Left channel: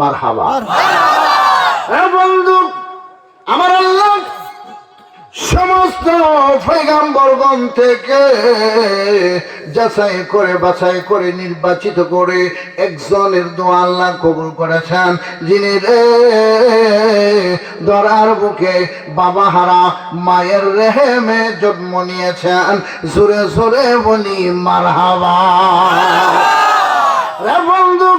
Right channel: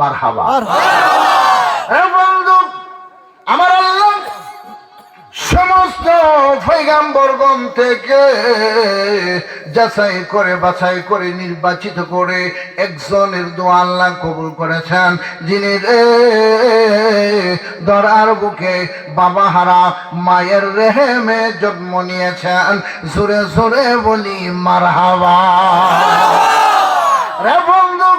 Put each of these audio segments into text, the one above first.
মারহাবা। বন্ধু আমার আল্লাহ সমস্ত পয়গম্বরগণ থেকে যাচাই করে বাছাই করে নির্বাচিত করে একজনের দোয়া আল্লাহ কবুল করেছেন, যিনি ধরার বুকে বাবা হারা মায়ের রেহেমে জন্ম নিয়েছেন। জোরে জোরে বলি মারহাবা। রে বন্ধু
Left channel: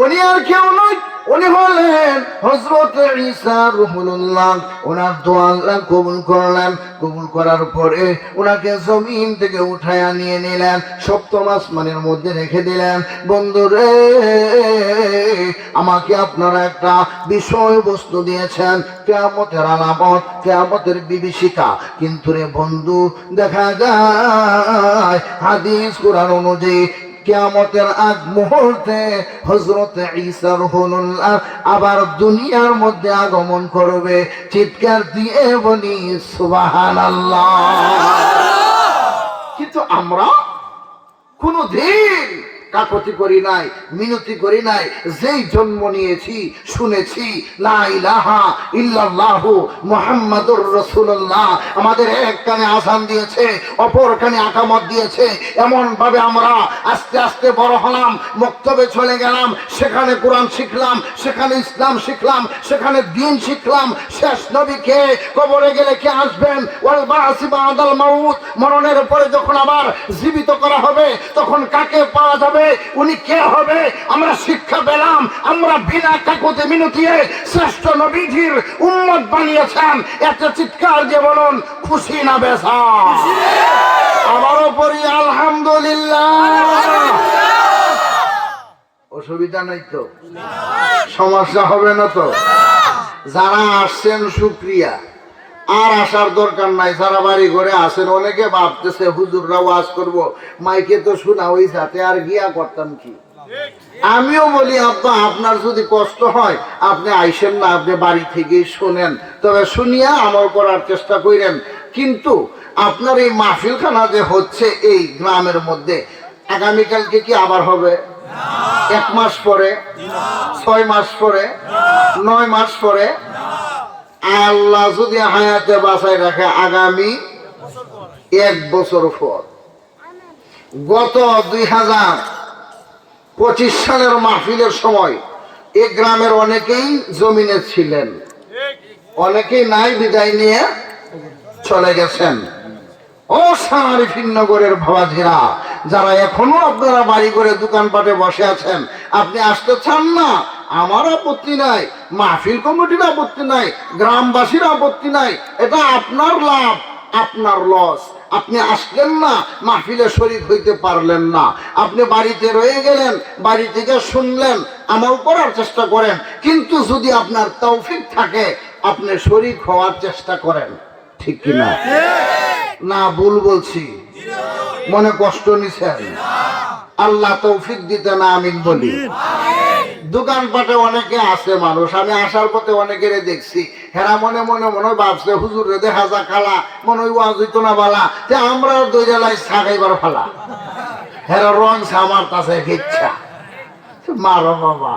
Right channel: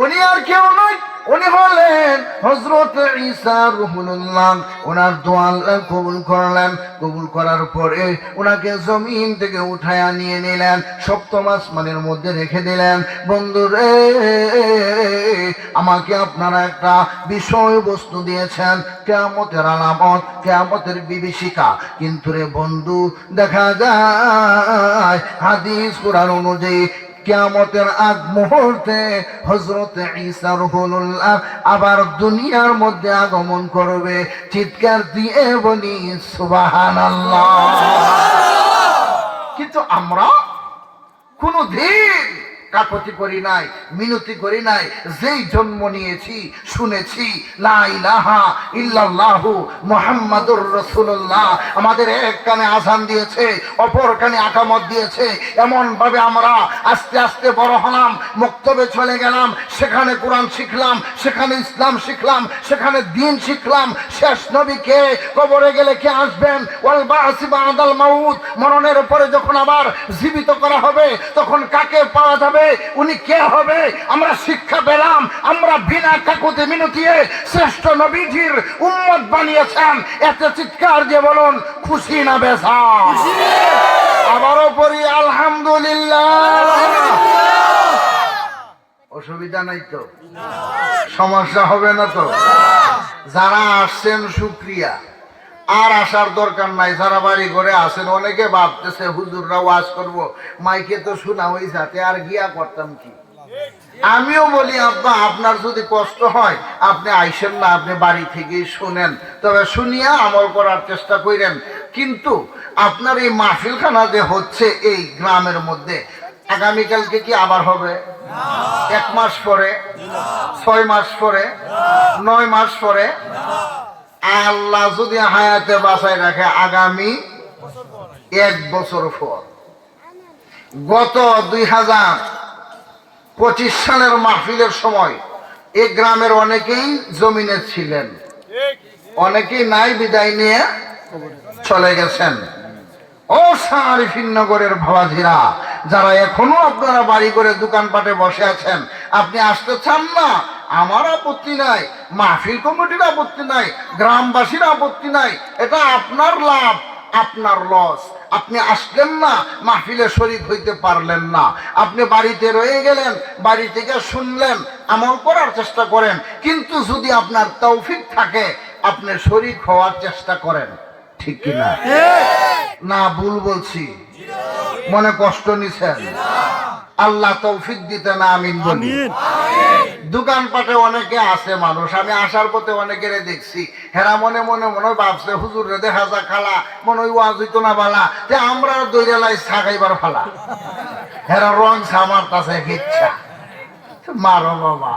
উনি আর কেউ নয়, উনি হলেন হযরত ঈসা রুহুল্লাহ। ওনার দোয়া আল্লাহ কবুল করলেন। কবুল করার পরে ওনাকে জমিন থেকে উঠায়া নিয়ে নিলেন, সপ্তম আসমানের মধ্যে রেখে দিলেন। বন্ধুরে আমাকে আপনারা একটা বিষয়বস্তু দিয়েছেন, কিয়ামতের আলামত, কিয়ামতের বিভীষিকা। কিন্তু রে বন্ধু দেখা যায় হাদিস কুরআন অনুযায়ী কিয়ামতের আগ মুহূর্তে হযরত ঈসা রুহুল্লাহ আবার দুনিয়ার মধ্যে আগমন করবে। চিৎকার দিয়ে বলি সুবহানাল্লাহ। কিন্তু আমরা কোনদিন কাকতি করি নাই, মিনতি করি নাই। যেই জন্ম নিয়েছি শুনেছি লা ইলাহা ইল্লাল্লাহু মুহাম্মাদুর রাসূলুল্লাহ, আমাদের এক কানে আযান দিয়েছে, অপর কানে আকামত দিয়েছে। এমন ভাবে আমরা আস্তে আস্তে বড় হলাম, মক্তবে চলে গেলাম, সেখানে কোরআন শিখলাম, সেখানে ইসলাম শিখলাম, সেখানে দ্বীন শিখলাম। শেষ নবী কে, কবরে গেলে কে আসবেন, ওয়াল বা'সি বা'দাল মাউত, মরণের পরে যখন আবার জীবিত করা হবে তখন কাকে পাওয়া যাবে, উনি কে হবে, আমরা শিক্ষা পেলাম। আমরা বিনা কাকুতি মিনতিয়ে শ্রেষ্ঠ নবীজির উম্মত বানিয়েছেন। একটা চিৎকার দিয়ে বলুন খুশি না বেজার? আবারও পড়ি আলহামদুলিল্লাহ। অসুবিধা নাই তো? সমস্যা হবে না তো? যারা আসছেন শুকরিয়া, আর আসার দরকার নাই। যারা বাড়ি ঘরে আসেন, অনেকে ভাবতেছে হুজুররা ওয়াজ করব, মাইকে তো শোনা ওই যাতে আর গিয়া করতাম কি। আমিও বলি আব্বা আপনার যদি কষ্ট হয় আপনি আইসেন না, আপনি বাড়ি থেকেই শোনেন, তবে শুনিয়া আমল করার চেষ্টা করেন। কিন্তু আপনার এই মাহফিলখানা যে হচ্ছে এই গ্রামের মধ্যে, আগামীকালকে কি আবার হবে? 1 মাস পরে, 6 মাস পরে, 9 মাস পরে, আল্লাহ যদি হায়াতে বাঁচায় রাখে আগামী 1 বছর পর। গত 2025 সালের মাহফিলের সময় এই গ্রামের অনেকেই জমিনে ছিলেন, অনেকেই নাই, বিদায় নিয়ে চলে গেছেন। ও সারিফিন নগরের বাবাজিরা, যারা এখনো আপনারা বাড়ি করে দোকানপাটে বসে আছেন, আপনি আসতে চান না, আমার আপত্তি নাই, মাহফিল কমিটির আপত্তি নাই, গ্রামবাসীর আপত্তি নাই। এটা আপনার লাভ, আপনার লস। আপনি আসলেন না, মাহফিলে শরীক হইতে পারলেন না, আপনি বাড়িতে রয়ে গেলেন, বাড়ি থেকে শুনলেন, আমল করার চেষ্টা করেন। কিন্তু যদি আপনার তৌফিক থাকে আপনি শরীক হওয়ার চেষ্টা করেন, ঠিক কিনা? না ভুল বলছি? মনে কষ্ট নিছেন? আল্লাহ তৌফিক দিতে না আমিন বলি। দোকানপাটে অনেকে আছে মানুষ, আমি আসার পথে অনেকের দেখছি, হেরা মনে মনে মনে ভাবছে হুজুর রে দেখা যা খালা, মনে হয় ওয়াজ হইতো না বালা, তে আমরা দুই জেলায় ছাগাইবার ফালা। হেরা রং আমার কাছে ইচ্ছা মারো বাবা,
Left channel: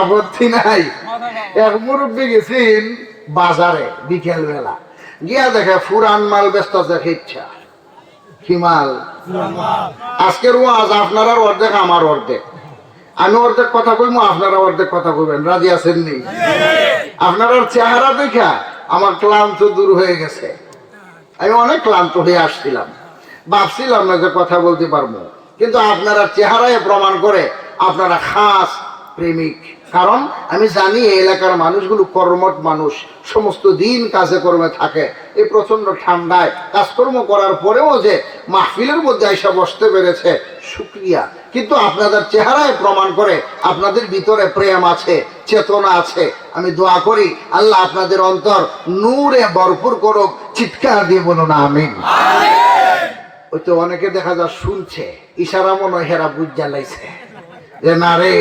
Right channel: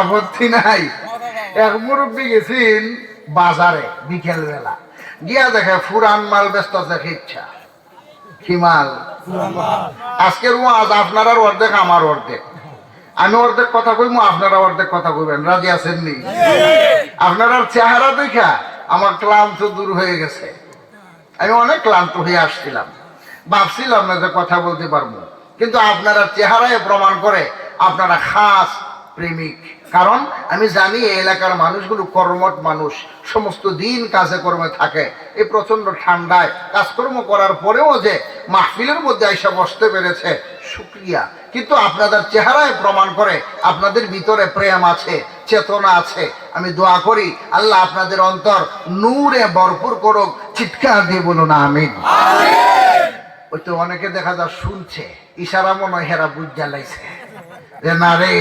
আপত্তি নাই। এক মুরব্বী গেছেন বাজারে বিকেল বেলা, গিয়া দেখে ফুরান মাল ব্যস্ত দেখে ইচ্ছা। কি মাল? আজকের ওয়াজ আপনার অর্ধেক আমার অর্ধেক, আমি অর্ধেক কথা কইব, আপনারা অর্ধেক কথা কইবেন। রাজি আছেন নি? আপনার চেহারা দেখা আমার ক্লান্ত দূর হয়ে গেছে। আমি অনেক ক্লান্ত হয়ে আসছিলাম, ভাবছিলাম না যে কথা বলতে পারবো, কিন্তু আপনারা চেহারায় প্রমাণ করে আপনারা খাস প্রেমিক। কারণ আমি জানি এই এলাকার মানুষগুলো কর্মঠ মানুষ, সমস্ত দিন কাজে কর্মে থাকে। এই প্রচন্ড ঠান্ডায় কাজকর্ম করার পরেও যে মাহফিলের মধ্যে আইসা বসতে পেরেছে, শুকরিয়া। কিন্তু আপনাদের চেহারায় প্রমাণ করে আপনাদের ভিতরে প্রেম আছে, চেতনা আছে। আমি দোয়া করি আল্লাহ আপনাদের অন্তর নূরে ভরপুর করুক। চিৎকার দিয়ে বলুন আমিন। ওই তো অনেকে দেখা যায় শুনছে, ইশারা মনে হয় হেরা বুঝ জ্বালাইছে যে না রে,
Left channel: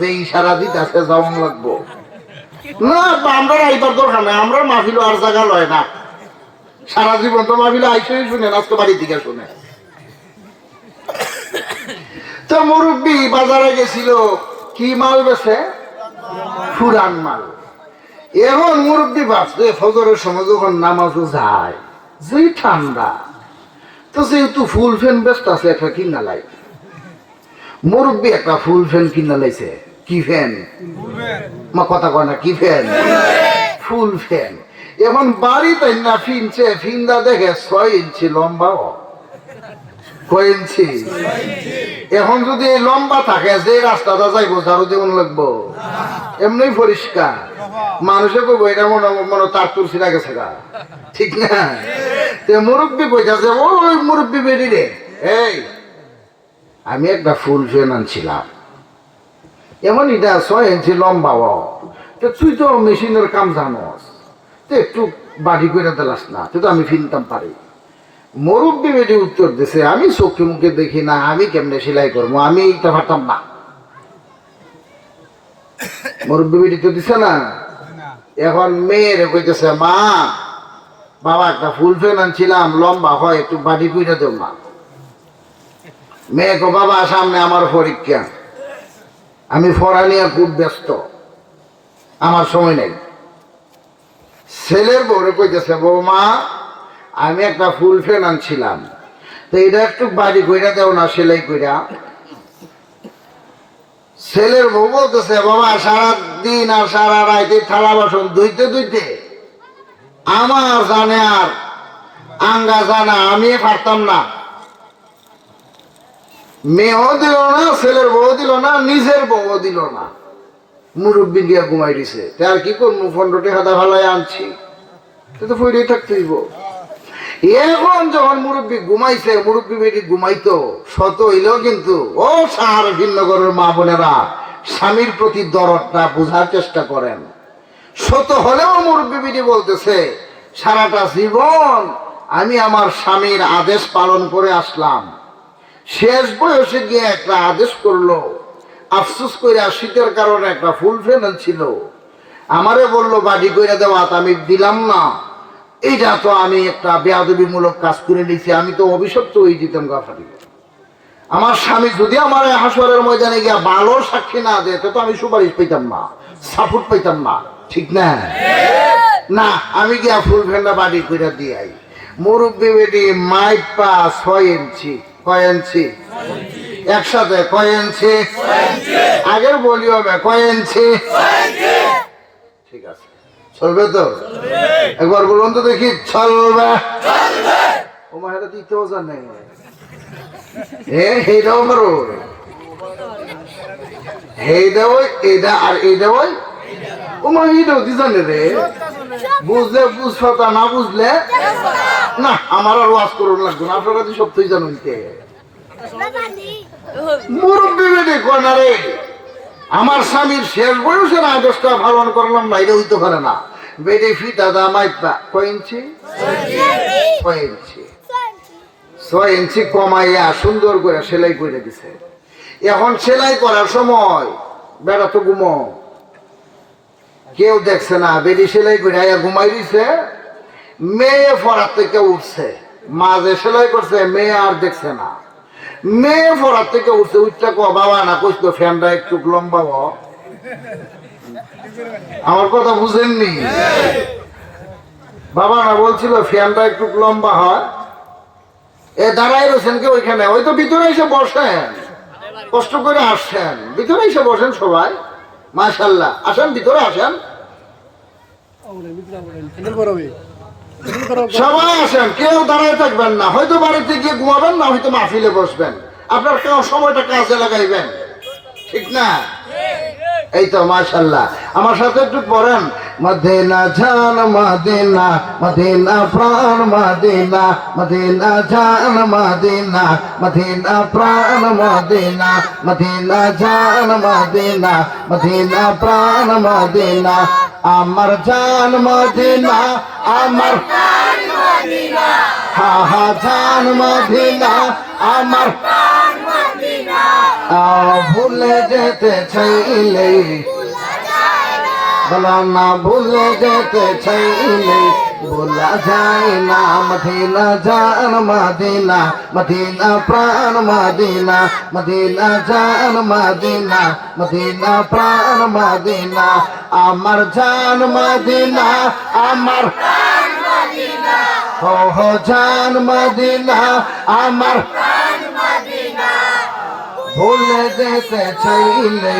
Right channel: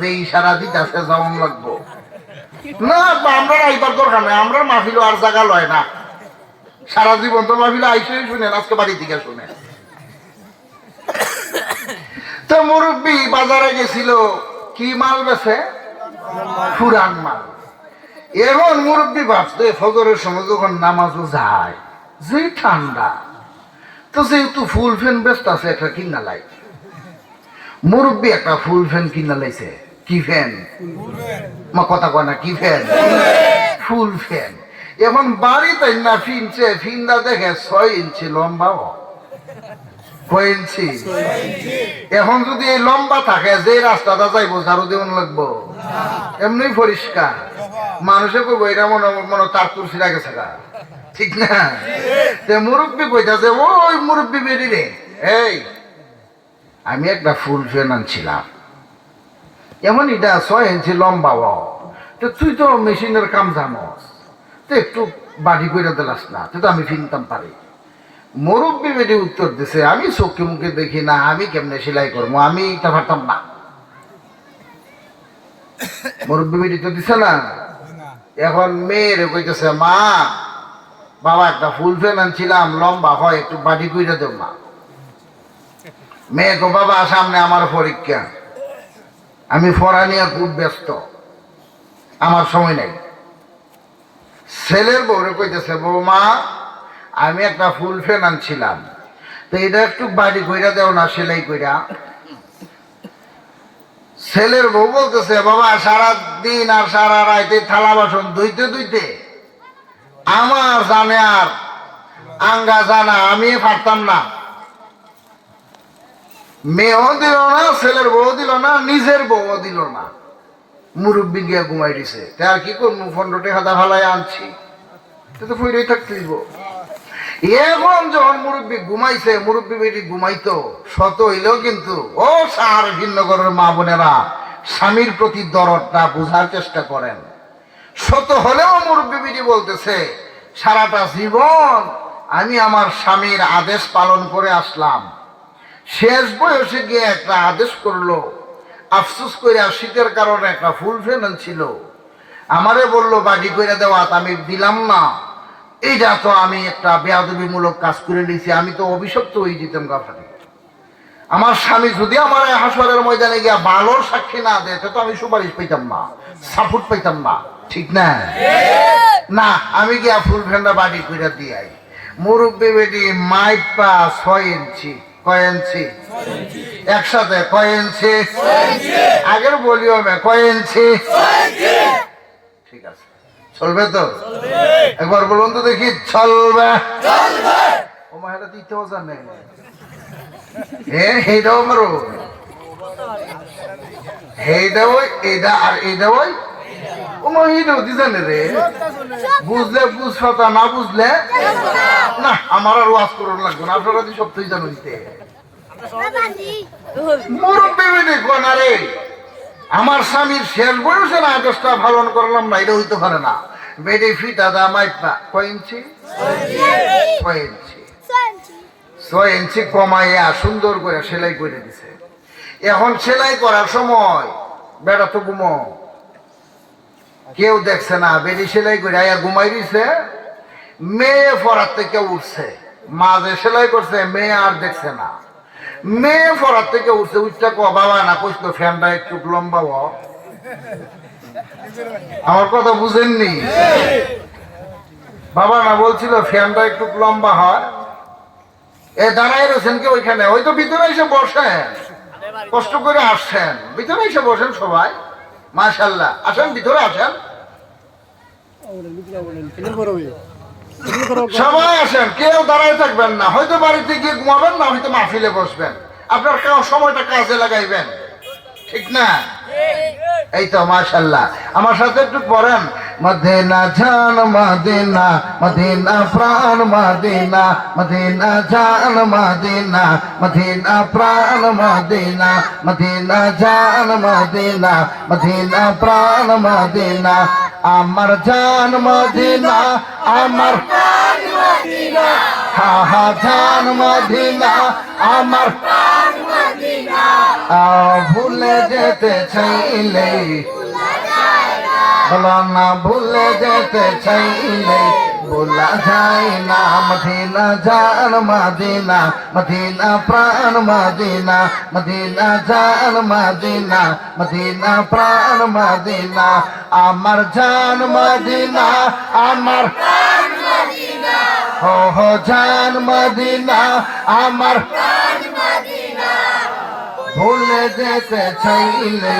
যে ইশারা দিতেছে যাওয়ান লাগবো না। আমরা এইবার দরকার নাই, আমরা মাহফিল আর জায়গা লয় না। সারা জীবন তো মাহফিল আইসই শুনেন, আজকে বাড়ি থেকে শুনে। তো মুরব্বী বাজারে গেছিল, কি মাল বেছে? পুরান মাল। এখন মুরব্বী ভাবছে ফজরের সময় যখন নামাজও যায় যে ঠান্ডা, তো যেহেতু ফুল ফ্যান ব্যস্ত আছে একটা কিনা লাই। মুরব্বী একটা ফুল ফ্যান কিনা লাইছে। কি ফ্যান? মা কথা কয় না, কি ফ্যান? ফুল ফ্যান। এখন বাড়িতে না ফিনছে, ফিন্দা দেখে 6 ইঞ্চি লম্বাও। কয় ইঞ্চি? এখন যদি লম্বা থাকে যে রাস্তাটা যাইবো ঝাড়ু দেওয়ান লাগবো? এমনি পরিষ্কার। মানুষে তো বইটা মনে তার তুলসিরা গেছে গা, ঠিক না? মুরব্বী কইতাছে, ওই মুরব্বী বেরি রে, এই আমি একটা ফুল ফ্যান আনছিলাম, এমন এটা 6 ইঞ্চি লম্বা। তো তুই তো মেশিনের কাম জানস, তো একটু বাড়ি করে দিলাস না, তো আমি ফিনতাম পারি। মুরব্বী বেটি উত্তর দিছে, আমি চোখে মুখে দেখি না, আমি কেমনে সেলাই করবো, আমি এটা পারতাম না। মুরব্বী বেটি তো দিছে না। এখন মেয়ের কইতেছে, মা বাবা একটা ফুল ফ্যান আনছিলাম লম্বা হয়, একটু বাড়ি করে দেব না। মেয়ে কো, বাবা সামনে আমার পরীক্ষা, আমি পড়া নিয়ে খুব ব্যস্ত, আমার সময় নেই। ছেলের বউরে কইতেছে, বৌমা আমি একটা ফুল ফ্যান আনছিলাম, তো এটা একটু বাড়ি কইরা দেও না, সেলাই কইরা। ছেলের বউ বলতেছে, বাবা সারাদিন আর সারা রাইতে থালা বাসন ধুইতে ধুইতে আমার জানে আর আঙ্গা জানা, আমি পারতাম না। মেয়েও দিল না, ছেলের বউ দিল না, নিজের বউ দিল না। মুরব্বী গিয়া ঘুমাই দিছে। আর কি করবো, 15 টাকা ভালাই আনছি, তো ফুরিয়ে থাকতেই। এখন যখন মুরব্বী ঘুমাইছে, মুরব্বী বেটি ঘুমাইতো, শত হইলেও কিন্তু ও সার ভিন্নগরের মা বোনেরা স্বামীর প্রতি দরদটা বুঝার চেষ্টা করেন। শত হলেও মুরব্বী বেটি বলতেছে, সারাটা জীবন আমি আমার স্বামীর আদেশ পালন করে আসলাম, শেষ বয়সে গিয়ে একটা আদেশ করলো, আফসোস করে শীতের কারণে একটা ফুল ফ্যান ছিল, আমারে বললো বাড়ি করে দেওয়া, আমি দিলাম না। এইটা তো আমি একটা বেয়াদবিমূলক কাজ করে নিয়েছি, আমি তো অভিশপ্ত হয়ে যেতাম গাফারি। আমার স্বামী যদি আমার হাসরের ময়দানে গিয়া ভালো সাক্ষী না দেয়, তো আমি সুপারিশ পেতাম না, সাপোর্ট পেতাম না, ঠিক না? না, আমি গিয়া ফুল ফ্যানটা বাড়ি করে দিয়াই। মুরব্বী বেটি মাইপা 6 ইঞ্চি। কয় ইঞ্চি? একসাথে কয় ইঞ্চি? আগেও বলি হবে, কয় ইঞ্চি? ঠিক আছে, চলবে তো? একবার বলুন তো দেখি, চলবে? ও মায়েরা দিতেও জানে, এইটাও করো, এইটা ওই এইটা আর এইটা ওই, ও মা এইটাও দি জানে রে। বুঝলে বুঝছটা, না বুঝলে না। আমার আর ওয়াজ করুন লাগবে না, আপনারা সব তুই জানুন। মুরব্বী বেটি কোনা রে, আমার স্বামীর শেষ বয়সের আদেশটা পালন করলাম না, এটা হইতে পারে না। বেডি ফিটা দা মাইপা কয় ইঞ্চি? 6 ইঞ্চি। 6 ইঞ্চি কমাইয়া সুন্দর করে সেলাই করে দিছে। এখন সেলাই করার সময় বেড়া তো ঘুমো, কেউ দেখছে না, বেডি সেলাই করে ঘুমাই দিছে। মেয়ে পড়ার থেকে উঠছে, মা যে সেলাই করছে মেয়ে আর দেখছে না। মেয়ে পড়ার থেকে উঠছে, উঠটা কো, বাবা না কইতো ফ্যানটা একটু লম্বা হ। আমার কথা বুঝেননি? বাবা না বলছিল ফ্যানটা একটু লম্বা হয়। এ দাঁড়াই রয়েছেন কে ওইখানে? ওই তো ভিতরে এসে বসেন, কষ্ট করে আসছেন, ভিতরে এসে বসেন সবাই। মাশাআল্লাহ, আসেন ভিতরে আসেন, সবাই আসেন, কেউ দাঁড়ায় থাকবেন না। হয়তো বাড়িতে গিয়ে ঘুমাবেন, না হয়তো মাহফিলে বসবেন, আপনার সময়টা কাজে লাগাইবেন, ঠিক না? এই তো মাশাআল্লাহ, আমার সাথে একটু পড়েন, মদিনা জান মদিনা, মদিনা প্রাণ মদিনা, মদিনা জান মদিনা, মদিনা প্রাণ মদিনা, মদিনা জান মদিনা, মদিনা প্রাণ মদিনা, আমার জান মদিনা, আমার প্রাণ মদিনা, হা হা জান মদিনা, আমার প্রাণ মদিনা। ভুলে যেতে চাইলে বলা না, ভুলে যেতে চাইলে ভোলা যায় না মদিনা জান মদিনা মদিনা প্রাণ মদিনা মদিনা জান মদিনা মদিনা প্রাণ মদিনা আমার জান মদিনা আমার প্রাণ মদিনা ও জান মদিনা আমার প্রাণ মদিনা ভুলে যেতে চাইলে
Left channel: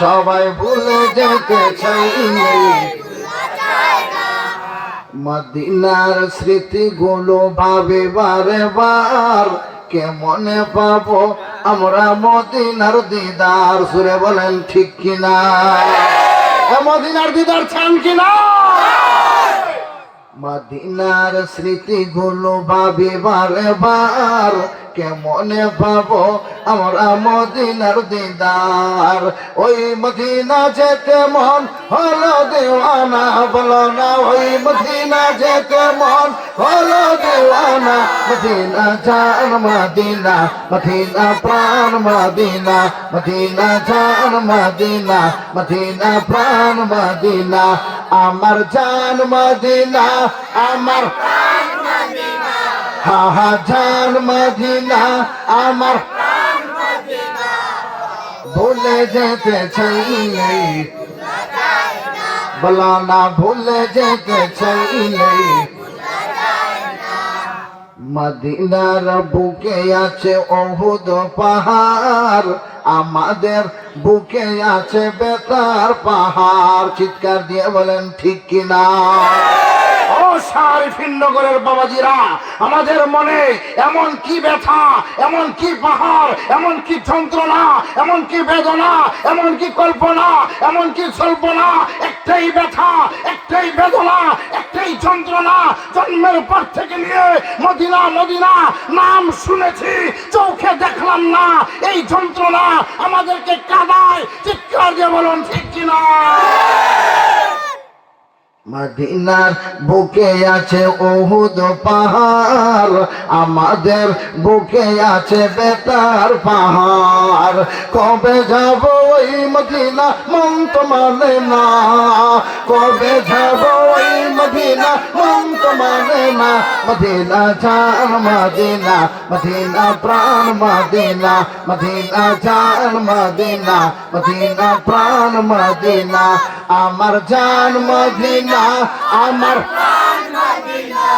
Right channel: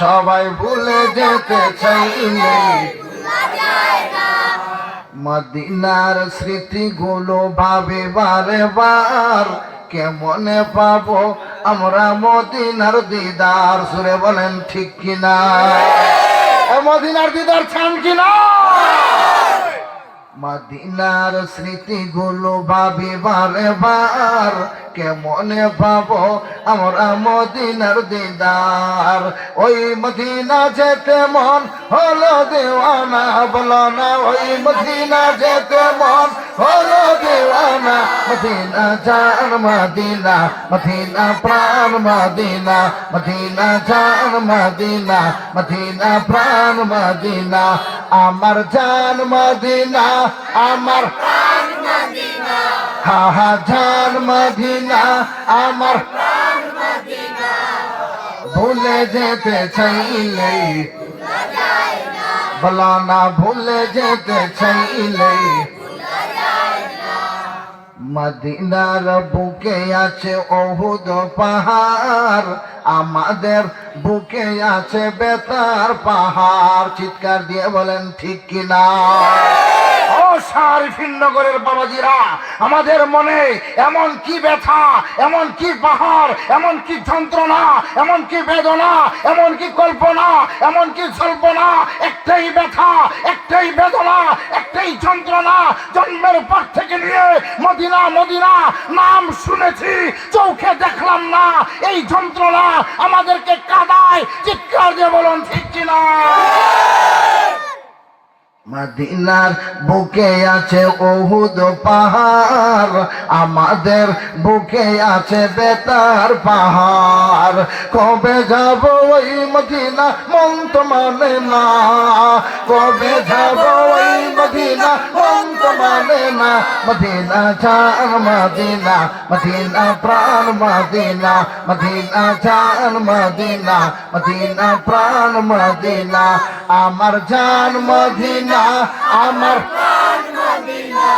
সবাই ভুলে যেতে চাইলে মদিনার স্মৃতিগুলো ভাবে বারে বার কেমনে পাবো আমরা মদিনার দিদার সুরে বলেন ঠিক কিনা মদিনার দিদার চান কিনা মদিনার স্মৃতিগুলো ভাবে বারে বার কেমনে পাবো আমরা মদিনার দিদার ওই মদিনা যেতে মন হলো দেওয়ানা বলো না ওই মদিনা যেতে মন হলো দেওয়ানা মদিনা জান মদিনা মদিনা প্রাণ মদিনা মদিনা জান মদিনা মদিনা প্রাণ মদিনা আমার জান মদিনা আমার প্রাণ মদিনা হা হা জান মদিনা আমার প্রাণ মদিনা ভুলে যেতে চাইলে বলা না ভুলে যেতে চাইলে মদিনার বুকে আছে ওহুদ পাহাড় আমাদের বুকে আছে বেতার পাহাড় চিৎকার দিয়ে বলেন ঠিক কিনা নগরের বাবাজিরা আমাদের মনে এমন কি ব্যথা এমন কি পাহাড় এমন কি যন্ত্রণা এমন কি বেদনা এমন কি কল্পনা এমন কি জল্পনা একটাই ব্যথা একটাই বেদনা একটাই যন্ত্রণা জন্মের পর থেকে নিয়ে মদিনা মদিনা নাম শুনেছি চোখে দেখলাম না এই যন্ত্রণা আমাদেরকে কাঁদায় চিৎকার দিয়ে বলুন ঠিক কিনা মদিনার বুকে আছে উহুদ পাহাড় আমাদের বুকে আছে বেতার পাহাড় কবে যাব ওই মদিনা মন তো মানে না কবে যাব ওই মদিনা মন তো মানে না মদিনা জান মদিনা মদিনা প্রাণ মদিনা মদিনা জান মদিনা মদিনা প্রাণ মদিনা আমার জান মদিনা আমার প্রাণ মদিনা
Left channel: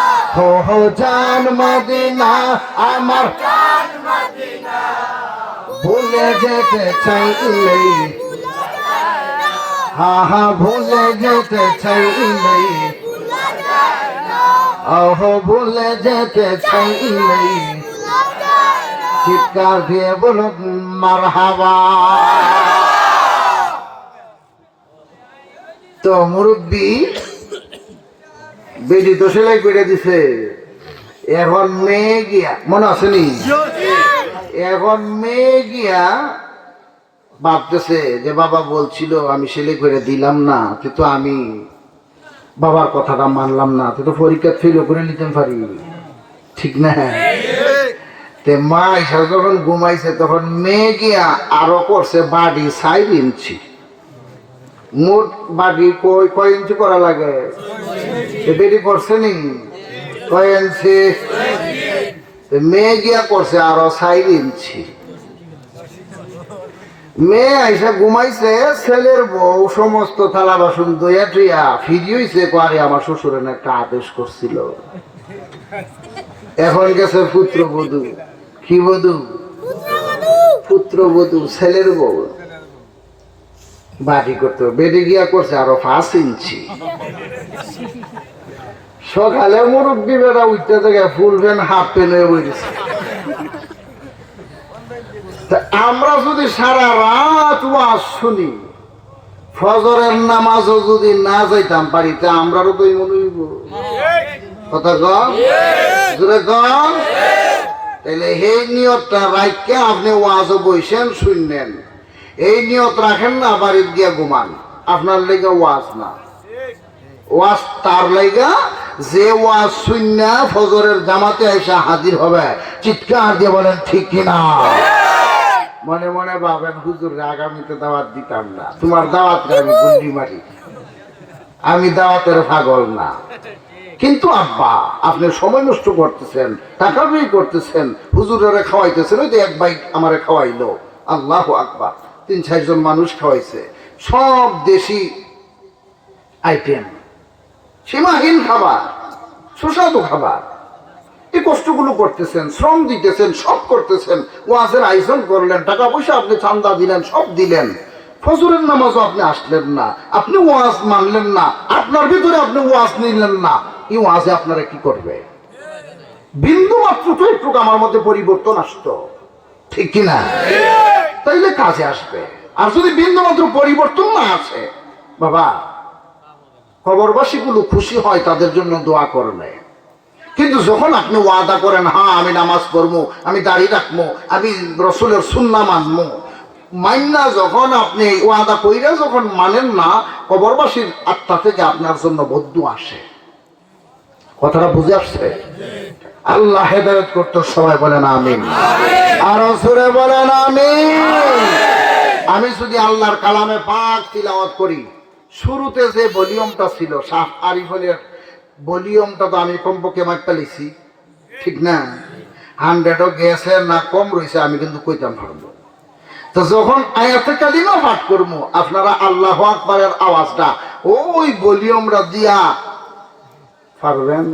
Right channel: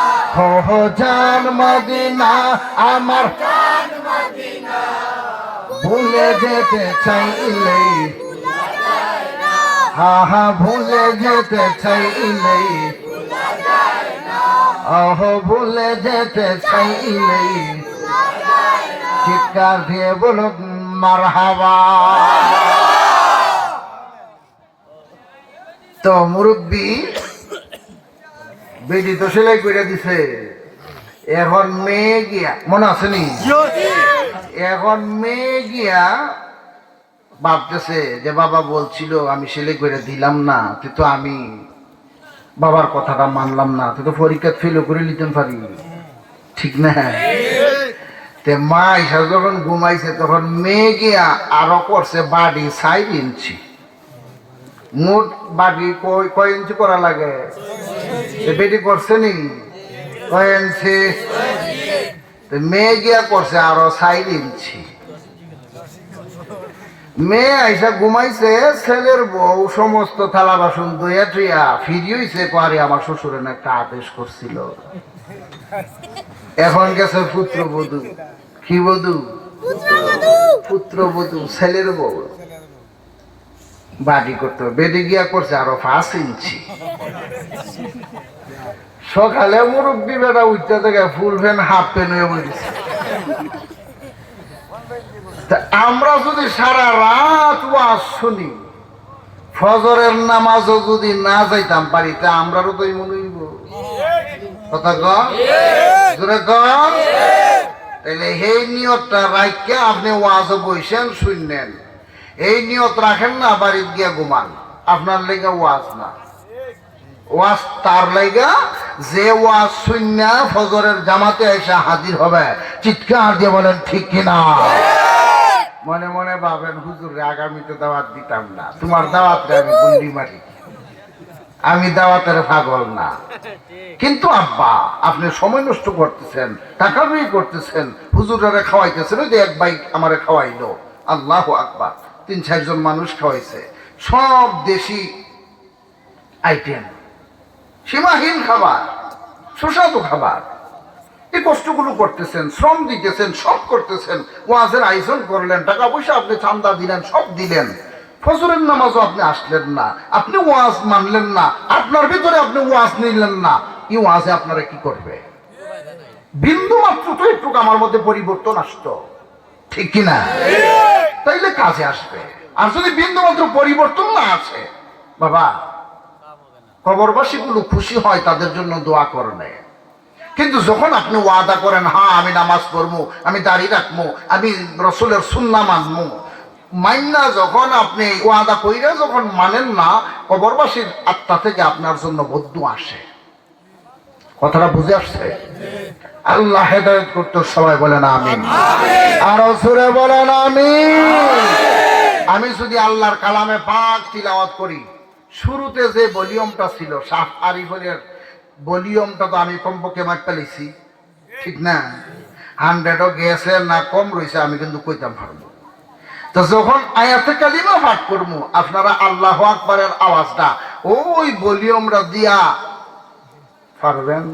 হো জান মদিনা আমার প্রাণ মদিনা ভুলে যেতে চাইলে হা হা ভুলে যেতে চাইলে ওহো ভুলে যেতে চাইলে চিৎকার দিয়ে বলো মারহাবা তো মুরব্বী বেটি তো সেলাই করে দিছে এখন মেয়ে গিয়া মনে আছে নি এখন মেয়ে গিয়া ভাবতেছে যে বাবা বলছিল আমি সেলাই করে দিলাম না তো আমি বাবার কথাটা মানলাম না তো পরীক্ষা ফেল করে নিতে পারি ঠিক না তে মা এসে যখন ঘুমাইছে তখন মেয়ে গিয়া আরো করছে বাড়ি 4 ইঞ্চি মোট বাড়ি কয় ইঞ্চি করা লাগে বেটি করছে নি কয় ইঞ্চি মেয়ে গিয়া করছে আরো 4 ইঞ্চি মেয়ে আইসা ঘুমাইছে ছেলের বউ সমস্ত থালা বাসন দইয়া টুইয়া ফিরি হইছে কোয়ারি আমার শ্বশুরের একটা আদেশ করছিল এখন গেছে পুত্রবধূ কি বধূ পুত্রবধূ ছেলের বউ বাড়ি করতে বেডে গিয়া করছে আরো 5 ইঞ্চি সকালে মুরব্বী বেড়া উঠতে থেকে ফুল প্যান্ট হাফ প্যান্ট হয়ে উঠেছে আমরা যদি সারা রাত ওয়াজ শুনি ফজরের নামাজও যদি না যাইতাম পারি তা আমরাও তো এই মনে হইব কথা জোরে তাহলে এই নিয়তটা রাখা আপনি ওয়াজও বসেন শুনলেন এই নিয়ত রাখেন না বাড়িতে গিয়া ঘুমান আপনার লেগে ওয়াজ না ওয়াজ তার লেগা যে ওয়াজ শুননা ফজরের জামাতে এসে হাজির হবে চিৎকার দিয়ে বলেন ঠিক কিনা মনে মনে ভাবেন হুজুর আগামীতে দাওয়াত দিতাম না তোমার দাওয়াত আমি গুন্ডি মারি আমি দাওয়াতের পাগল না। কিন্তু আব্বা আপনি সময় নষ্ট করতেছেন, টাকা ব্যয় করতেছেন, হুজুরেরা খাওয়াইতেছেন, ওই যে এক ভাই আমারে খাওয়াইলো, আল্লাহু আকবার, ৩-৪ জন মানুষ খাওয়াইছে, সব দেশি আইটেম, সীমাহীন খাবার, সুস্বাদু খাবার। এই কষ্টগুলো করতেছেন, শ্রম দিতেছেন, সব করতেছেন, ওয়াজের আয়োজন করলেন, টাকা পয়সা আপনি চান্দা দিলেন, সব দিলেন, ফজরের নামাজও আপনি আসলেন না, আপনি ওয়াজ মানলেন না, আপনার ভিতরে আপনি ওয়াজ নিলেন না, এই ওয়াজে আপনারা কি করবে? বিন্দু মাত্র তো একটু আমার মধ্যে পরিবর্তন আসতো, ঠিক কিনা? তাইলে কাজে আসবে। আর যদি বিন্দু মাত্র পরিবর্তন না আসে, বাবা কবরবাসী গুলো খুশি হয়, তাদের জন্য দোয়া করবে। কিন্তু যখন আপনি ওয়াদা করেন, হ্যাঁ আমি নামাজ পড়বো, আমি দাড়ি রাখবো, আমি রসুলের সুন্নাহ মানবো, মাইন্না যখন আপনি ওয়াদা কইরা যখন মানেন না, কবরবাসীর আত্মা থেকে আপনার জন্য বদ্দু আসে। কথাটা বুঝে আসছে? আল্লাহ হেদায়েত করতে সবাই বলেন আমিন, আরো জোরে বলেন আমিন। আমি যদি আল্লাহর কালামে পাক তিলাওয়াত করি, শুরুতে যে ভলিউমটা ছিল শাহ আরিফের ভলিউমটা তো আমি কমপক্ষে মারতে লিছি, ঠিক না? 100ও গেছে না কম রয়েছে, আমি কিন্তু কইতাম পারবো। তো যখন আয়াতে কালিমা পাঠ করবো, আপনারা আল্লাহু আকবারের আওয়াজটা ওই ভলিউমটা দিয়া পারবেন?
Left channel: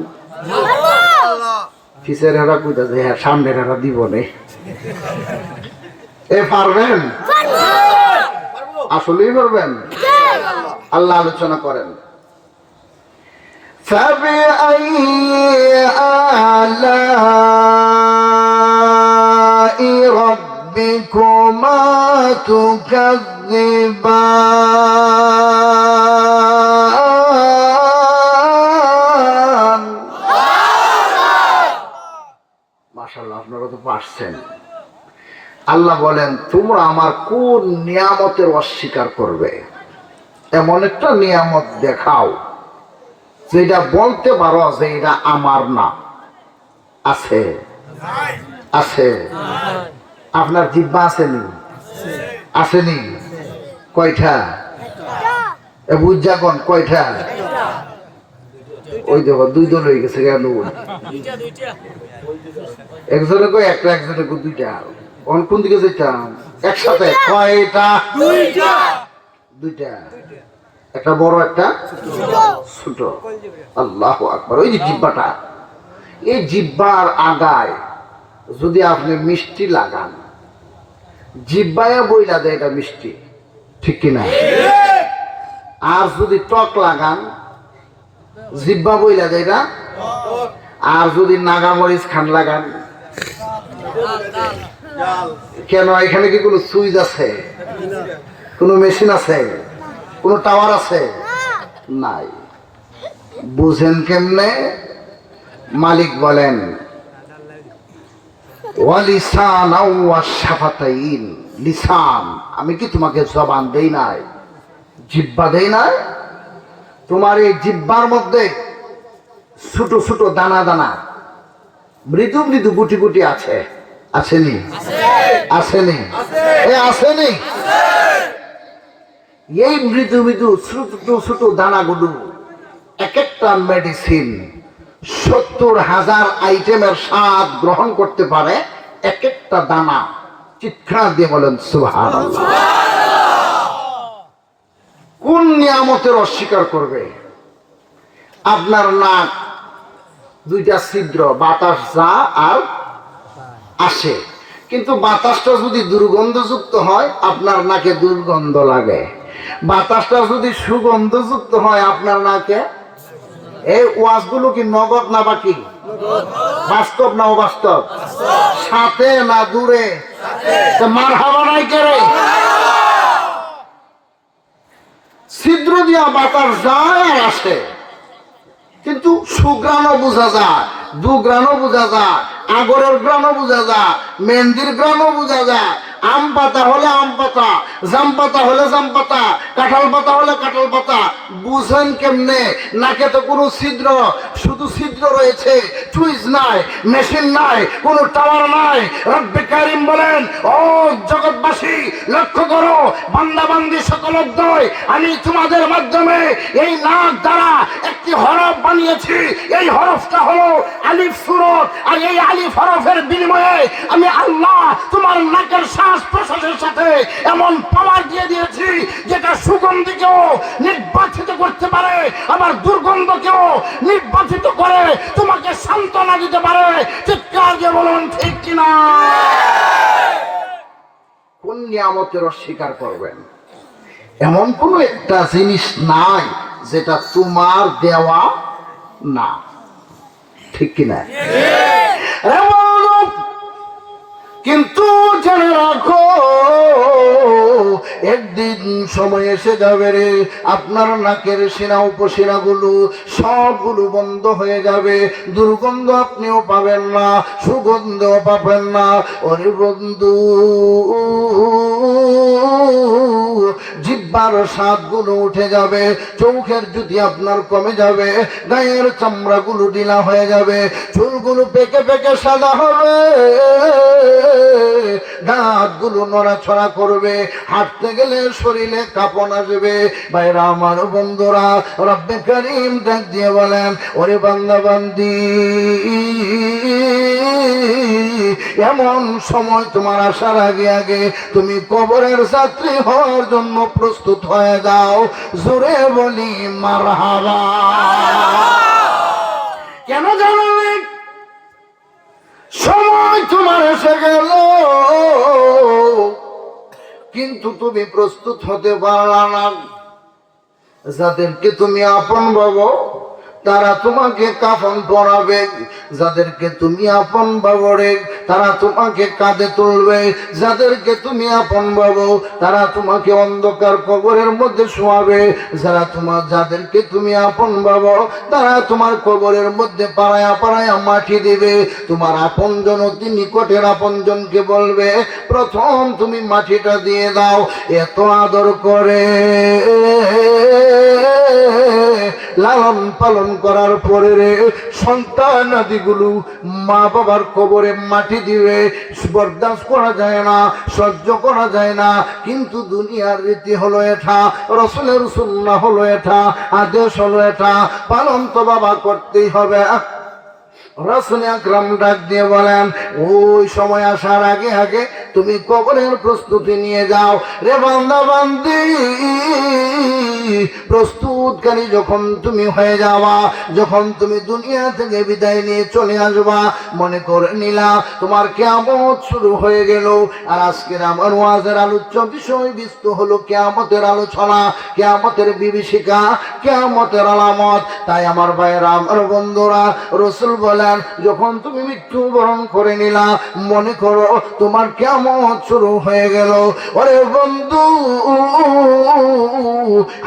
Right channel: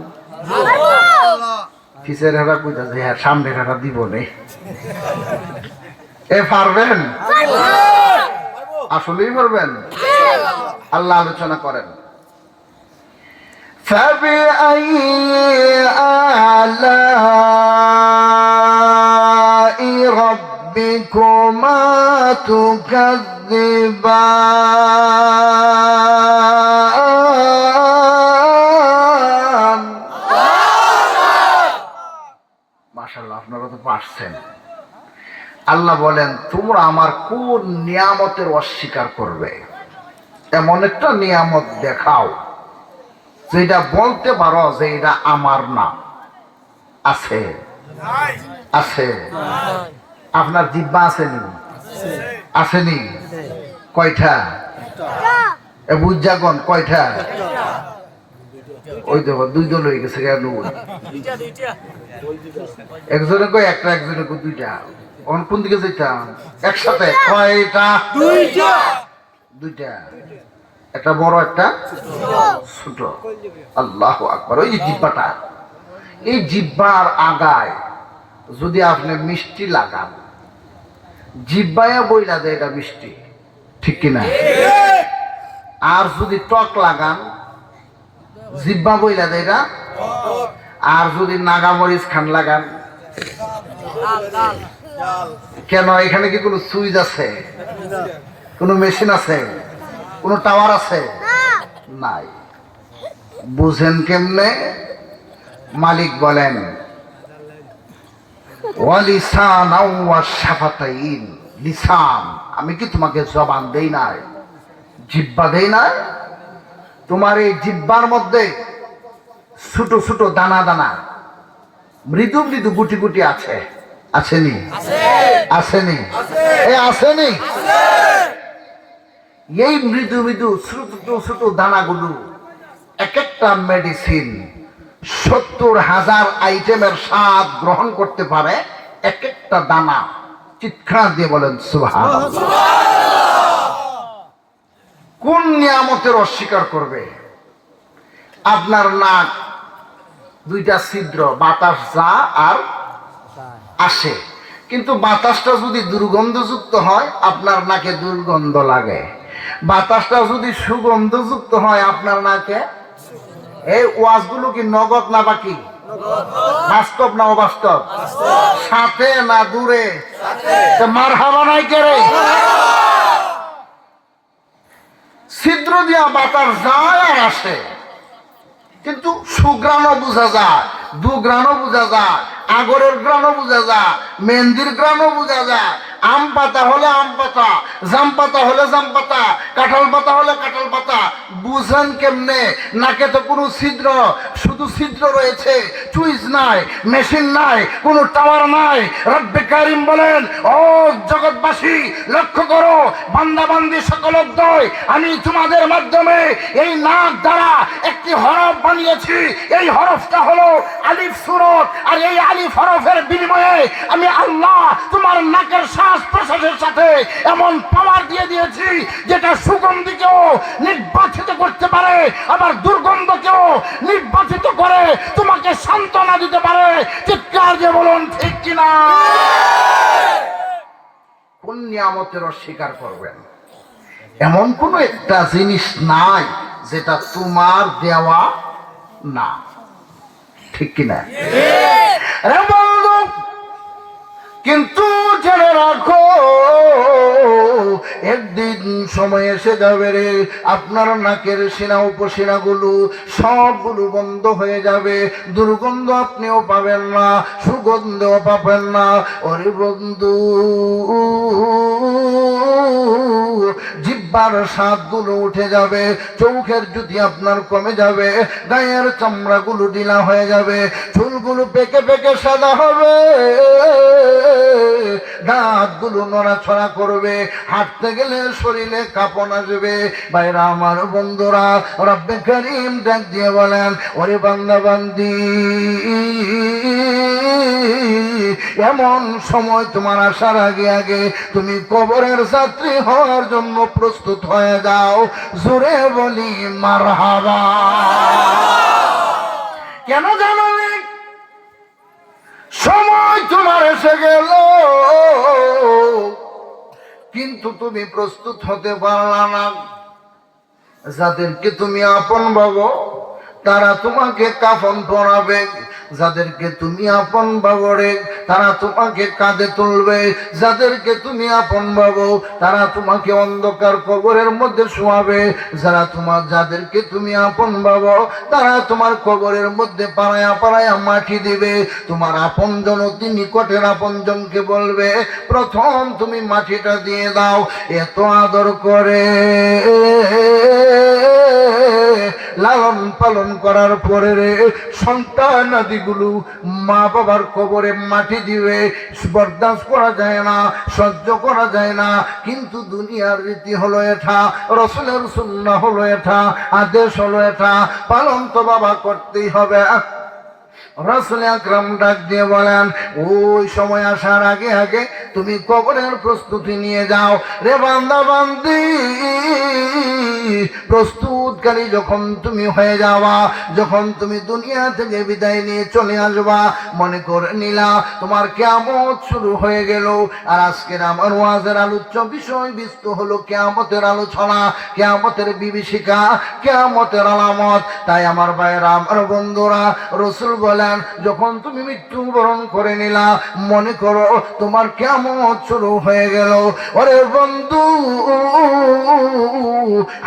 পিছের হেরা কইতা যে হ্যাঁ, সামনের হেরা দিব নে, এ পারবেন? আসলেই পারবেন? আল্লাহ আলোচনা করেন, فَبِأَيِّ آلَاءِ رَبِّكُمَا تُكَذِّبَانِ মাশাআল্লাহ, আপনারা তো পারছেন। আল্লাহ বলেন, তোমরা আমার কোন নিয়ামতের অস্বীকার করবে? এমন একটা নিয়ামত দেখাও যেটা বলতে পারো যে এটা আমার না। আছে? আছে? আপনার জিহ্বা আসেনি? আসেনি? কয়টা? বুঝাগন কয়টা? ওই দেখো 2 দল হয়ে গেছে কেন? একজনে কয় একটা, একজনে কয় 2টা। কোন দিকে যেতাম? একসাথে কয়টা? 2টা। একটা বড়, একটা ছোট। আল্লাহু আকবার। ওই যে জিহ্বাটা, এই জিহ্বার আগায় যদি আপনি মিষ্টি লাগান, জিহ্বায় বইলা দেয় এটা মিষ্টি, ঠিক কিনা? আর যদি টক লাগান, জিহ্বা বইলা দেয় এটা। আর যদি নাগামরিচ খান লাগান, কেন? এখানে কি কোনো সুইচ আছে? কোনো মেশিন আছে? কোন টাওয়ার আছে? নাই। বুঝেন কেমনে? মালিক বলেন, ওয়ালিসান ওয়া শাফাতাইন, লিসান, আমি কি তোমাকে জবান দেই নাই, জিহ্বা দেই নাই? তোমার এই জিহ্বার মধ্যে ছোট ছোট দানা দানা, মৃদু মৃদু গুটি গুটি আছে, আসেনি? আসেনি? আসেনি? এই মৃদু মৃদু ছোট ছোট দানাগুলো এক একটা মেডিসিন। 70,000 আইটেমের স্বাদ গ্রহণ করতে পারে এক একটা দানা। চিৎকার দিয়ে বলেন সুবহানাল্লাহ। কোন নিয়ামতের অস্বীকার করবে? আপনার নাক 2টা ছিদ্র, বাতাস যা আর আসে, কিন্তু বাতাসটা যদি দুর্গন্ধযুক্ত হয় আপনার নাকে দুর্গন্ধ লাগে। বাতাসটা যদি সুগন্ধযুক্ত হয় আপনার নাকে। এই ওয়াজগুলো কি নগদ না বাকি? বাস্তব না অবাস্তব? সাথে না দূরে? মারহাবা নাই করে? ছিদ্র দিয়া বাতাস যায় আসে, কিন্তু সুগ্রাণও বোঝা যায়, দুগ্রাণও বোঝা যায়, আগরের গ্রাণও বোঝা যায়, মেহেন্দির গ্রাণও বোঝা যায়। আম পাতা হলে আম পাতা, জাম পাতা হলে জাম পাতা, কাঁঠাল পাতা হলে কাঁঠাল পাতা। বুঝেন কেমনে? নাকে তো কোনো ছিদ্র, শুধু ছিদ্র রয়েছে সুইচ নাই, মেশিন নাই, কোনো টাওয়ার নাই। রব্বে কারিম বলেন, ও জগৎবাসী লক্ষ্য করো, বান্দা বান্দি সকল উদ্দয়, আমি তোমাদের মাধ্যমে এই নাক দ্বারা একটি হরফ বানিয়েছি। এই হরফটা হলো আলিফ সূরত, আর এই আলিফ হরফের বিনিময়ে আমি আল্লাহ তোমার নাকের শ্বাস প্রশ্বাসের সাথে এমন পাওয়ার দিয়ে দিয়েছি যেটা সুগন্ধিকেও নির্বাচিত করতে পারে, আবার দুর্গন্ধকেও নির্বাচিত করে তোমাকে সান্ত্বনা দিতে পারে। চিৎকার দিয়ে বলুন ঠিক কিনা? কোন নিয়ামতের অস্বীকার করবেন? এমন কোন একটা জিনিস নাই যেটা তোমার দেওয়া না, ঠিক কিনা? কিন্তু জেনে রাখো, একদিন সময় এসে যাবে রে, আপনার নাকের সিনা উপসিনা গুলো সবগুলো বন্ধ হয়ে যাবে। দুর্গন্ধ আপনিও পাবেন না, সুগন্ধও পাবেন না। ওরে বন্ধু, জিহ্বার স্বাদগুলো উঠে যাবে, চোখের জ্যোতি আপনার কমে যাবে, গায়ের চামড়াগুলো ঢিলা হয়ে যাবে, চুলগুলো পেকে পেকে সাদা হবে, দাঁতগুলো নড়াছড়া করবে, হাঁটতে গেলে শরীরে কাঁপন আসবে। ভাইরা আমার, বন্ধুরা, রব্বে কারীম ডাক দিয়ে বলেন, ওরে বান্দা বান্দি, এমন সময় তোমার আসার আগে আগে তুমি কবরের যাত্রী হওয়ার জন্য প্রস্তুত হয়ে যাও। জোরে বলি মারহাবা। কেন জানো? সময় তোমার এসে গেল, কিন্তু তুমি প্রস্তুত হতে পারলা না। যাদেরকে তুমি আপন ভাবো তারা তোমাকে কাফন পরাবে, যাদেরকে তুমি আপন ভাবো রে তারা তোমাকে কাঁধে তুলবে, যাদেরকে তুমি আপন ভাবো তারা তোমাকে অন্ধকার কবরের মধ্যে শোয়াবে, যাদেরকে তুমি আপন ভাবো তারা তোমার কবরের মধ্যে পাড়ায়া পাড়ায়া মাটি দিবে। তোমার আপনজন অতি নিকটের আপনজনকে বলবে, প্রথম তুমি মাটিটা দিয়ে দাও। এত আদর করে লালন পালন করার পরে রে সন্তান আদিগুলো মা বাবার কবরে মাটি দিবে, বরদাস্ত করা যায় না, সহ্য করা যায় না। কিন্তু দুনিয়ার রীতি হলো এটা, রাসূলের সুন্নাহ হলো এটা, আদেশ হলো এটা, পালন তো বাবা করতেই হবে। রাসূল আকরাম ডাক দিয়ে বলেন, ওই সময় আসার আগে আগে তুমি কবরের প্রস্তুতি নিয়ে যাও রে বান্দা বান্দি। প্রস্তুতকারী যখন তুমি হয়ে যাওয়া, যখন তুমি দুনিয়া থেকে বিদায় নিয়ে চলে আসবা, মনে করে নিলা তোমার কিয়ামত শুরু হয়ে গেল। আর আজকের আমার ওয়াজের আলোচ্য বিষয়বস্তু হলো কিয়ামতের আলোচনা, কিয়ামতের বিভীষিকা, কিয়ামতের আলামত। তাই আমার ভাইরা, আমার বন্ধুরা, রাসূল বলেন, যখন তুমি মৃত্যুবরণ করে নিলা, মনে করো তোমার কিয়ামত শুরু হয়ে গেল। ওরে বন্ধু,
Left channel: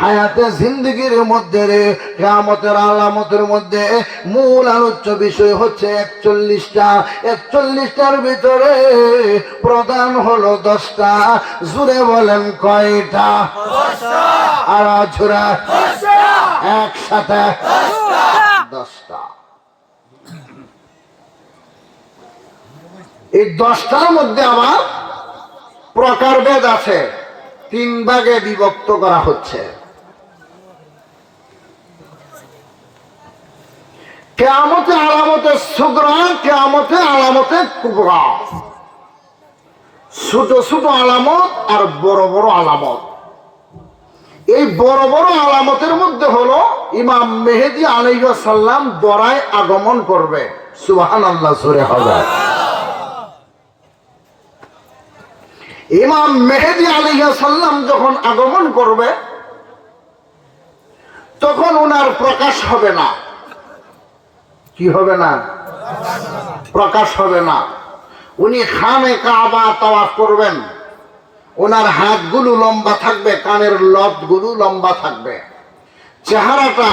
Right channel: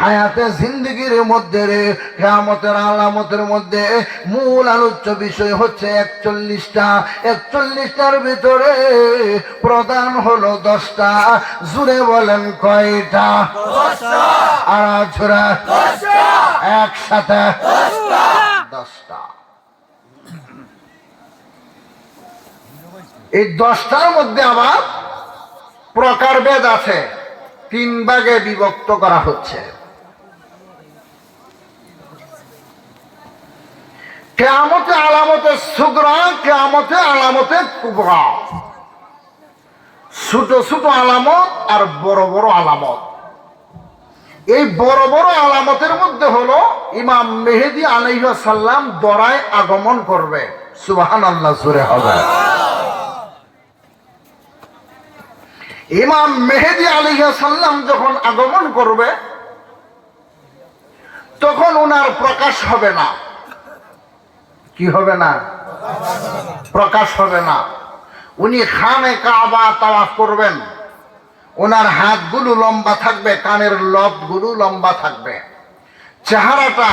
হায়াতে জিন্দেগির মধ্যে রে কিয়ামতের আলামতের মধ্যে মূল আলোচ্য বিষয় হচ্ছে 41টা। 41টার ভিতরে প্রধান হলো 10টা। জুড়ে বলেন কয়টা? 10টা। আর ঝুরা 10টা। একসাথে 10টা। এই 10টার মধ্যে আমার প্রকারভেদ আছে, 3 ভাগে বিভক্ত করা হচ্ছে। কিয়ামতে আলামতে সুগরা, কিয়ামতে আলামতে কুবরা। ছোট ছোট আলামত আর বড় বড় আলামত। এই বড় বড় আলামতের মধ্যে হলো ইমাম মেহেদী আলাইহিস সালাম দরায় আগমন করবে। সুবহানাল্লাহ, জোরে হবে। ইমাম মেহেদী আলাইহিস সালাম যখন আগমন করবে তখন উনার প্রকাশ হবে না। কি হবে না? প্রকাশ হবে না। উনি খানে কাবা তাওয়াফ করবেন, ওনার হাতগুলো লম্বা থাকবে, কানের লবগুলো লম্বা থাকবে, চেহারাটা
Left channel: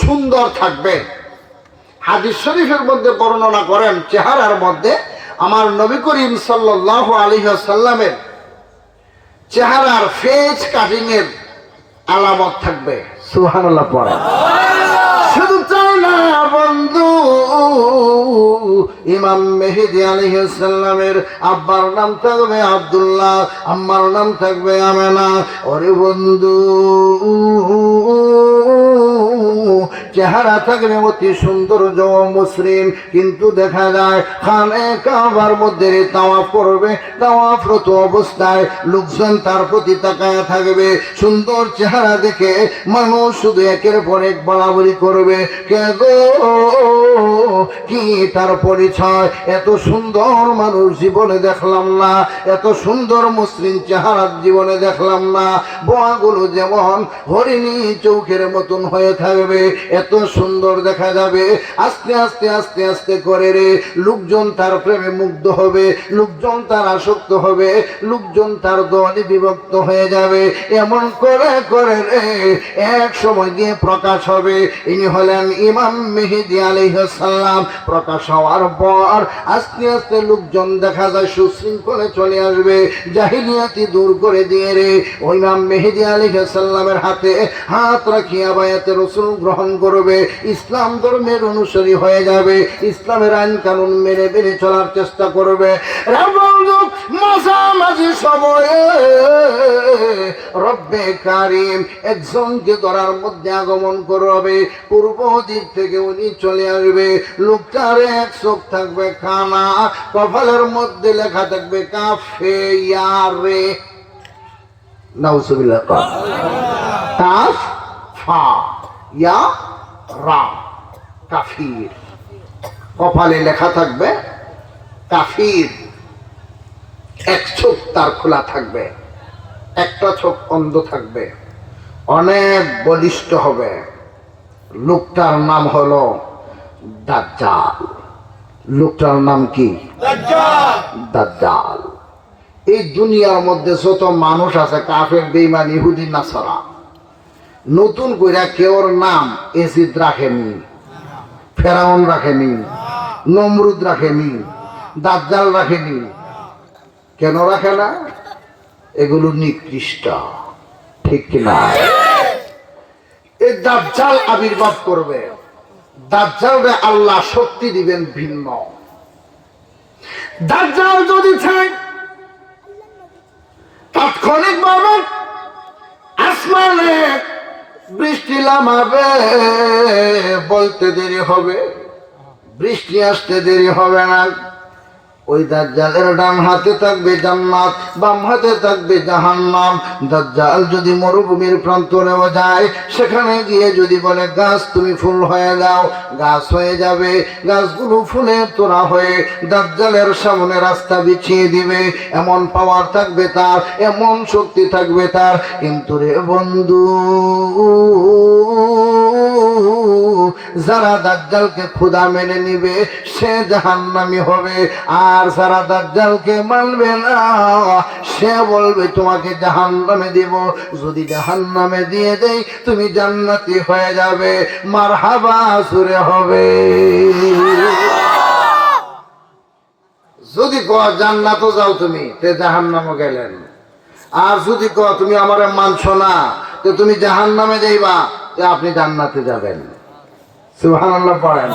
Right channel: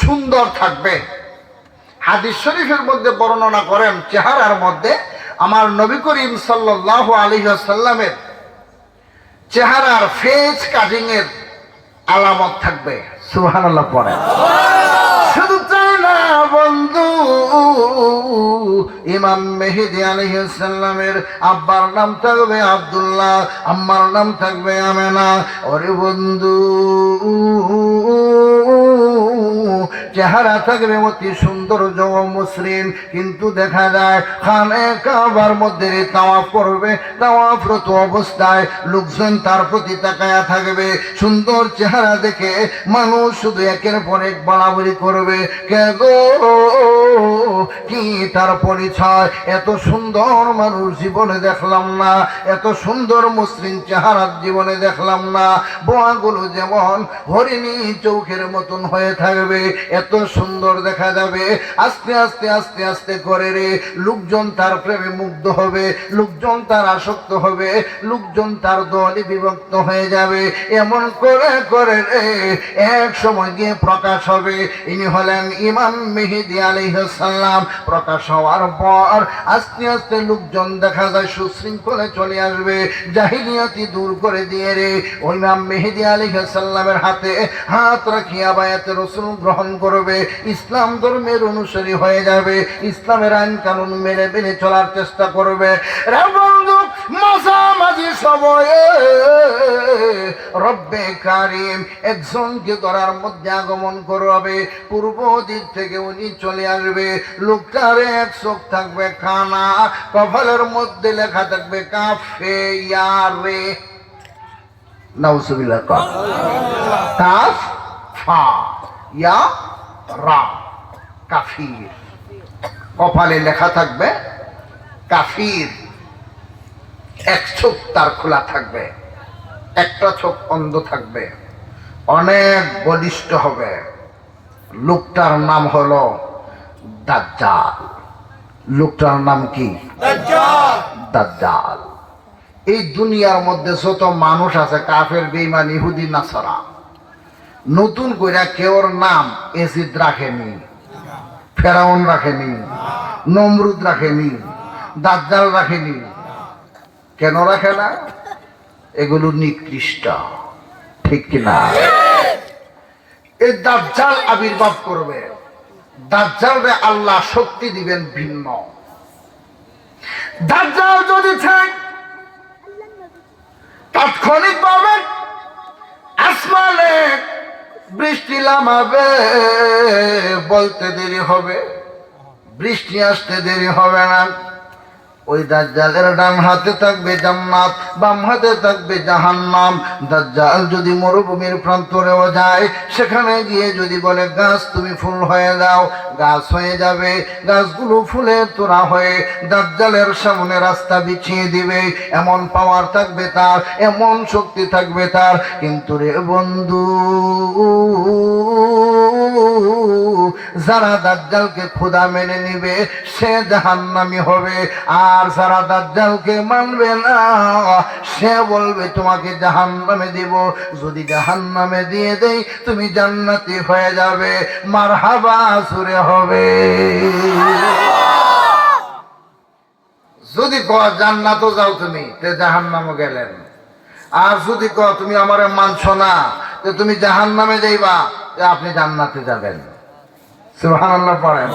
সুন্দর থাকবে। হাদিস শরীফের মধ্যে বর্ণনা করেন, চেহারার মধ্যে আমার নবী করিম সাল্লাল্লাহু আলাইহি ওয়াসাল্লামের চেহারার ফেস কাটিং এর আলামত থাকবে। সুবহানাল্লাহ পড়ে। শুধু তাই না বন্ধু ইমাম মেহেদী আলাইহিস সালামের আব্বার নাম থাকবে আব্দুল্লাহ, আম্মার নাম থাকবে আমেনা। ওরে বন্ধু চেহারা থাকবে অতি সুন্দর মসৃণ, কিন্তু দেখা যায় খানে কাবার মধ্যে তাওয়াফ করবে, তাওয়াফরত অবস্থায় লোকজন তার প্রতি তাকায়া থাকবে। সুন্দর চেহারা দেখে মানুষ শুধু একের পর এক বলাবলি করবে, কে গো কি তার পরিচয়? এত সুন্দর মানুষ জীবনে দেখলাম না, এত সুন্দর মসৃণ চেহারা জীবনে দেখলাম না। বোয়াগুলো যেমন হরিণী চৌকের মতন হয়ে থাকবে, এত সুন্দর দেখা যাবে। আস্তে আস্তে আস্তে আস্তে করে রে লোকজন তার প্রেমে মুগ্ধ হবে, লোকজন তার আসক্ত হবে, লোকজন তার দলে বিভক্ত হয়ে যাবে। এমন করে করে রে এক সময় গিয়ে প্রকাশ হবে ইনি হলেন ইমাম মেহেদী আলাইহিস সালাম। প্রকাশ হওয়ার পর আস্তে আস্তে লোকজন দেখা যায় সুশৃঙ্খলে চলে আসবে, জাহিলিয়াতি দূর করে দিয়ে রে ইমাম মেহেদী আলাইহিস সালামের হাতে হাত রাখিয়া বায়াতে রাসূল গ্রহণ করবে, ইসলাম ধর্মের অনুসারী হয়ে যাবে, ইসলামের আইন কানুন মেনে মেনে চলার চেষ্টা করবে। মাঝামাঝি সময়ে রব্বে কারিম একজনকে ধরার মধ্যে আগমন করবে, পূর্ব দিক থেকে উনি চলে আসবে। লোকটার এক চোখ থাকবে কানা, কপালের মধ্যে লেখা থাকবে কাফে ইয়ারে, নাউজুবিল্লাহ, কাফ ফা ইয়া রা, কাফির। কপালে লেখা থাকবে কাফির। এক চোখ তার খোলা থাকবে, একটা চোখ অন্ধ থাকবে, অনেক বলিষ্ঠ হবে। লোকটার নাম হলো দাজ্জাল। লোকটার নাম কি? দাজ্জাল। এই দুনিয়ার মধ্যে যত মানুষ আছে কাফের, বেঈমান, ইহুদি, নাসারা, নতুন করে কেউর নাম এজিদ রাখেনি, ফেরাউন রাখেনি, নমরুদ রাখেনি, দাজ্জাল রাখেনি। কেন রাখে না? এগুলো নিকৃষ্ট, ঠিক কিনা? এই দাজ্জাল আবির্ভাব করবে, দাজ্জালরে আল্লাহ শক্তি দিবেন ভিন্ন। দাজ্জাল যদি চায় তাৎক্ষণিক ভাবে আসমানে বৃষ্টি নামাবে, বলতে দেরি হবে, বৃষ্টি আসতে দেরি হবে না। ওই দাজ্জালের ডান হাতে থাকবে জান্নাত, বাম হাতে থাকবে জাহান্নাম। দাজ্জাল যদি মরুভূমির প্রান্তরেও যায়, সেখানে গিয়ে যদি বলে গাছ তুমি ফুল হয়ে দাও, গাছ হয়ে যাবে। গাছগুলো ফুলের তোড়া হয়ে দাজ্জালের সামনে রাস্তা বিছিয়ে দিবে। এমন পাওয়ার থাকবে তার, এমন শক্তি থাকবে তার। কিন্তু রে বন্ধু, যারা দাজ্জালকে খোদা মেনে নিবে সে জাহান্নামী হবে, আর যারা দাজ্জালকে মানবে না সে বলবে তোমাকে জাহান্নামে দেব। যদি জাহান্নামে দিয়ে দেই তুমি জান্নাতি হয়ে যাবে। মারহাবা সুরে হবে। যদি কও জান্নাতও যাও তুমি, তে জাহান্নামও গেলেন। আর যদি কও তুমি আমারে মানছো না, তো তুমি জাহান্নামে যাইবা, আপনি জান্নাতে যাবেন। সুবহানাল্লাহ পড়েন।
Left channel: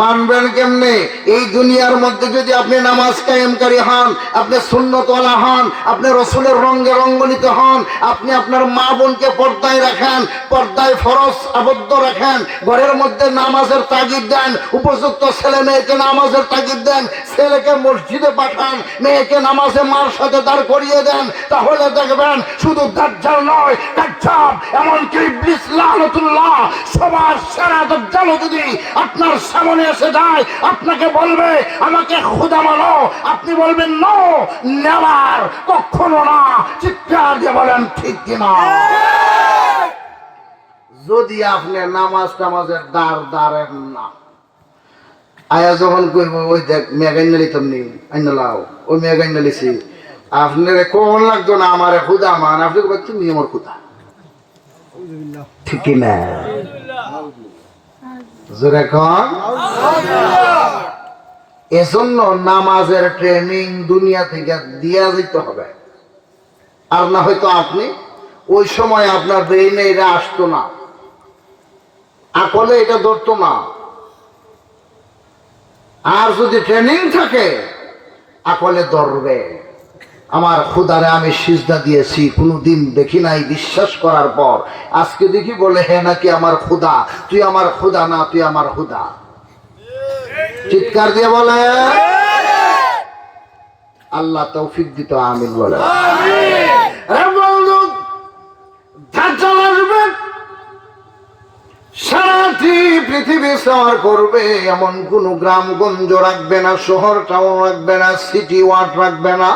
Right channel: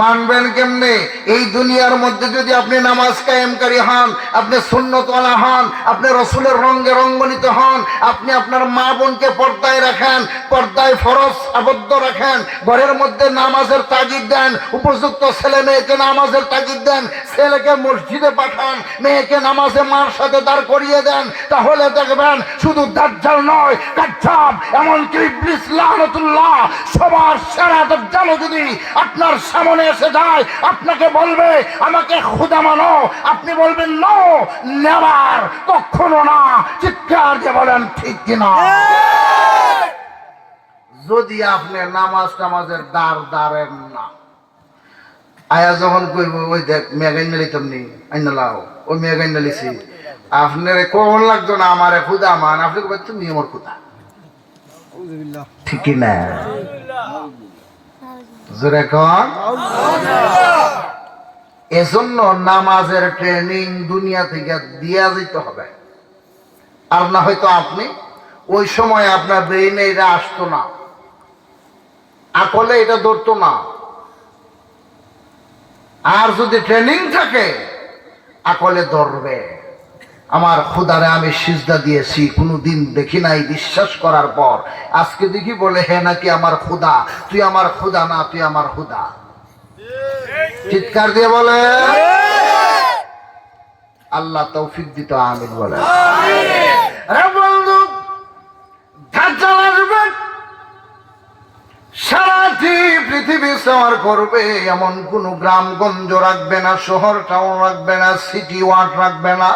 মানবেন কেমনে? এই দুনিয়ার মধ্যে যদি আপনি নামাজ কায়েমকারী হন, আপনি সুন্নতওয়ালা হন, আপনি রসুলের রঙে রঙ্গনিত হন, আপনি আপনার মা বোনকে পর্দায় রাখেন, পর্দায় ফরজ আবদ্ধ রাখেন, ঘরের মধ্যে নামাজের তাগিদ দেন, উপযুক্ত ছেলে মেয়েকে নামাজের তাগিদ দেন, ছেলেকে মসজিদে পাঠান, মেয়েকে নামাজে মার সাথে দাঁড় করিয়ে দেন, তাহলে দেখবেন শুধু দাজ্জাল নয়, কাজ্জাব, এমনকি ইবলিস লাআনাতুল্লাহ সবার সেরা দাজ্জাল যদি আপনার সামনে এসে যায়, আপনাকে বলবে আমাকে খোদা মানো, আপনি বলবেন নো, নেভার, কখনো না। চিৎকার দিয়ে বলেন ঠিক কিনা? যদি আপনি নামাজ টামাজের দ্বার দাঁড়েন না, আয়া যখন কইব ওই দেখ মেগাইন লিতাম নি আইনালাও, ওই মেগাইন লিছি, আপনার কোন লাগতো না আমার খুদা মান, আপনি কবেন তুমি আমার খুদা, ঠিক না? এজন্য নামাজের ট্রেনিং দুনিয়া থেকে দিয়া যেতে হবে। আর না হয়তো আপনি ওই সময় আপনার ব্রেইনে এটা আসতো না, আকলে এটা ধরতো না। আর যদি ট্রেনিং থাকে আকলে ধরবে। আমার খুদারে আমি সিজদা দিয়েছি, কোনোদিন দেখি নাই, বিশ্বাস করার পর আজকে দেখি বলে হে নাকি আমার খুদা। তুই আমার খুদা না, তুই আমার খুদা। চিৎকার দিয়ে বলে আল্লাহ তৌফিক দিত, আমিন বলে। দাজ্জাল আসবে, সারাটি পৃথিবী সওয়ার করবে, এমন কোন গ্রামগঞ্জ রাখবে না, শহর টাউন রাখবে না, সিটি ওয়ার্ড রাখবে না।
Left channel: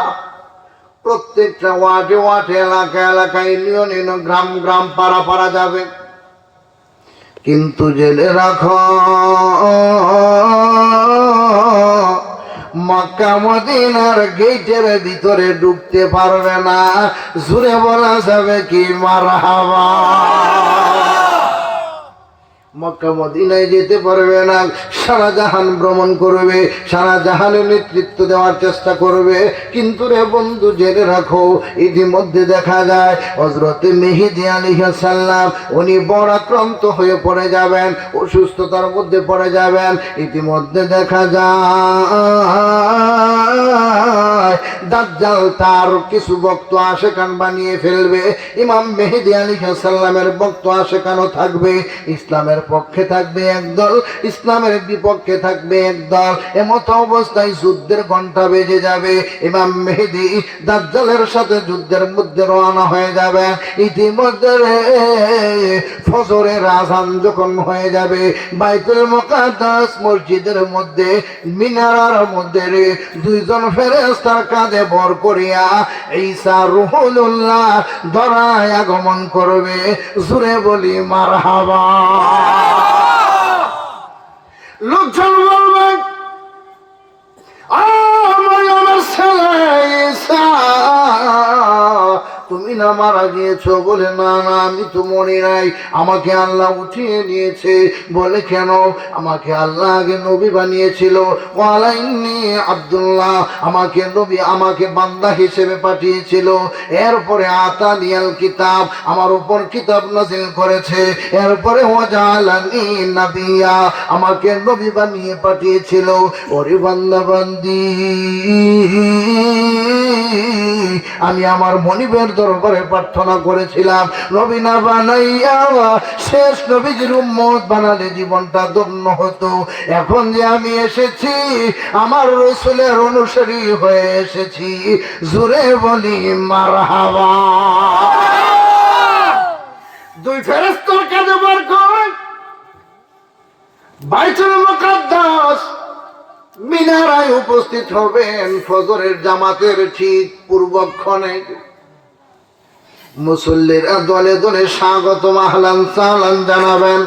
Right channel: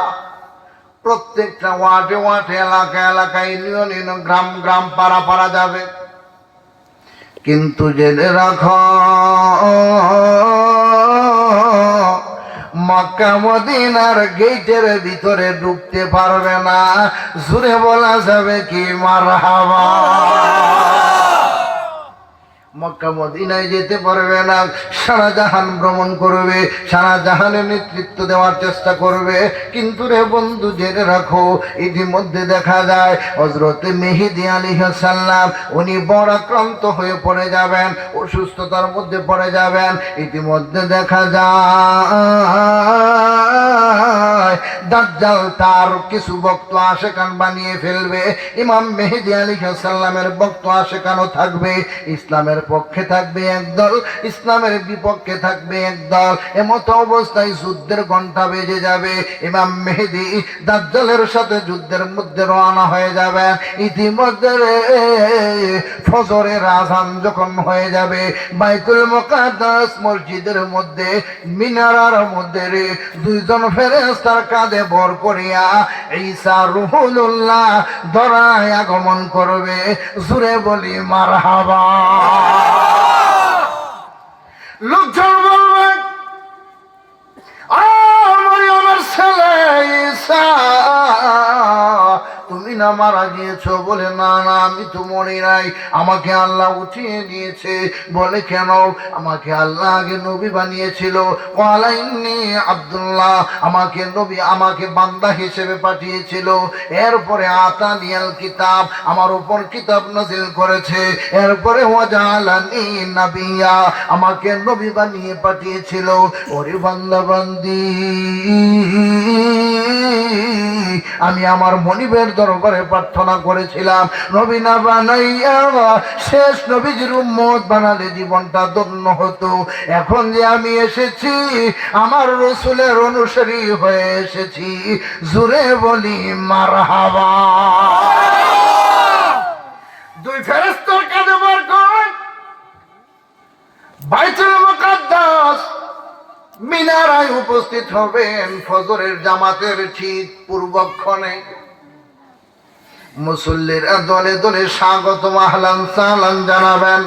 প্রত্যেকটা ওয়ার্ডে ওয়ার্ডে, এলাকা এলাকায়, ইউনিয়ন গ্রাম গ্রাম, পাড়া পাড়া যাবে। কিন্তু জেনে রাখো মক্কা মদিনার গেটের ভিতরে ঢুকতে পারবে না। জোরে বলা যাবে কি মারহাবা। মক্কা মদিনায় যেতে পারবে না। সারা জাহান ভ্রমণ করবে, সারা জাহানের নেতৃত্ব দেওয়ার চেষ্টা করবে। কিন্তু রে বন্ধু জেনে রাখো, ইতিমধ্যে দেখা যায় হযরত মেহেদী আলাইহিস সালাম উনি বড় আক্রান্ত হয়ে পড়ে যাবেন, অসুস্থতার মধ্যে পড়ে যাবেন। ইতিমধ্যে দেখা যায় দাজ্জাল তার কিছু ভক্ত আশেকান বানিয়ে ফেলবে। ইমাম মেহেদী আলাইহিস সালামের ভক্ত আশেকানও থাকবে, ইসলামের পক্ষে থাকবে একদল, ইসলামের বিপক্ষে থাকবে একদল। এমত অবস্থায় যুদ্ধের ঘন্টা বেজে যাবে। ইমাম মেহেদী দাজ্জালের সাথে যুদ্ধের মধ্যে রওনা হয়ে যাবে। ইতিমধ্যে ফজরের আযান যখন হয়ে যাবে, বাইতুল মুকাদ্দাস মসজিদের মধ্যে মিনারার মধ্যে দুইজন ফেরেশতার কাঁধে ভর করিয়া ঈসা রূহুল্লাহ ধরায় আগমন করবে। জোরে বলি মারহাবা। লোকজন বলবে মরিয়মের ছেলে ঈসা, তুমি না মারা গিয়েছো? বলে না না, আমি তো মরি নাই, আমাকে আল্লাহ উঠিয়ে নিয়েছে। বলে কেন? আমাকে আল্লাহ আগে নবী বানিয়েছিল, ওয়ালাইন্নি আব্দুল্লাহ, আমাকে নবী, আমাকে বান্দা হিসেবে পাঠিয়েছিল। এরপরে আতানিয়াল কিতাব, আমার উপর কিতাব নাযিল করেছে। এরপরে ওয়াজালানি নাবিয়্যা, আমাকে নবী বানিয়ে পাঠিয়েছিল। ওরে বান্দা বান্দি, আমি আমার মনিবের দরবারে প্রার্থনা করেছিলাম, নবী না বানাইয়া শেষ নবীর উম্মত বানালে জীবনটা ধন্য হতো। এখন যে আমি এসেছি, আমার রাসূলের অনুসারী হয়ে এসেছি। জোরে বলি মারহাবা। দুই ফেরেশতার কাঁধে ভর করে বাইতুল মুকাদ্দাস মিনারায় উপস্থিত হবেন। ফজরের জামাতের ঠিক পূর্বক্ষণে মুসল্লিরা দলে দলে স্বাগত আহলান সাহলান জানাবেন।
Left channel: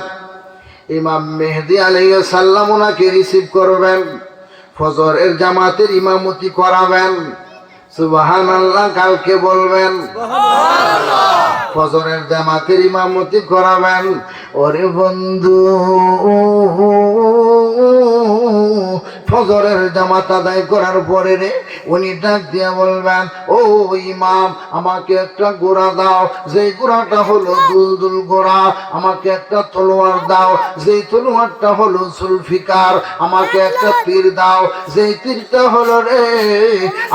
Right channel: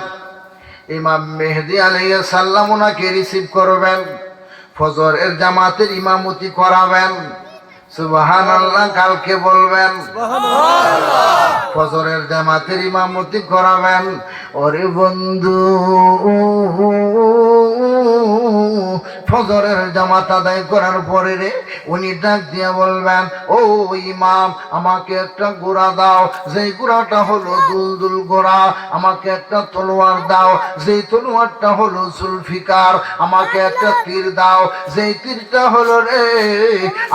ইমাম মেহেদী আলাইহিস সালাম ওনাকে রিসিভ করবেন, ফজরের জামাতের ইমামতি করাবেন। সুবহানাল্লাহ কালকে বলবেন, ফজরের জামাতের ইমামতি করাবেন। ওরে বন্ধু, ফজরের জামাত আদায় করার পরে রে উনি ডাক দিয়া বলবেন, ও ইমাম, আমাকে একটা ঘোড়া দাও, যে ঘোড়াটা হলো দুলদুল ঘোড়া। আমাকে একটা তলোয়ার দাও, যে তলোয়ারটা হলো জুলফিকার। আমাকে একটা তীর দাও, যে তীরটা হলো রে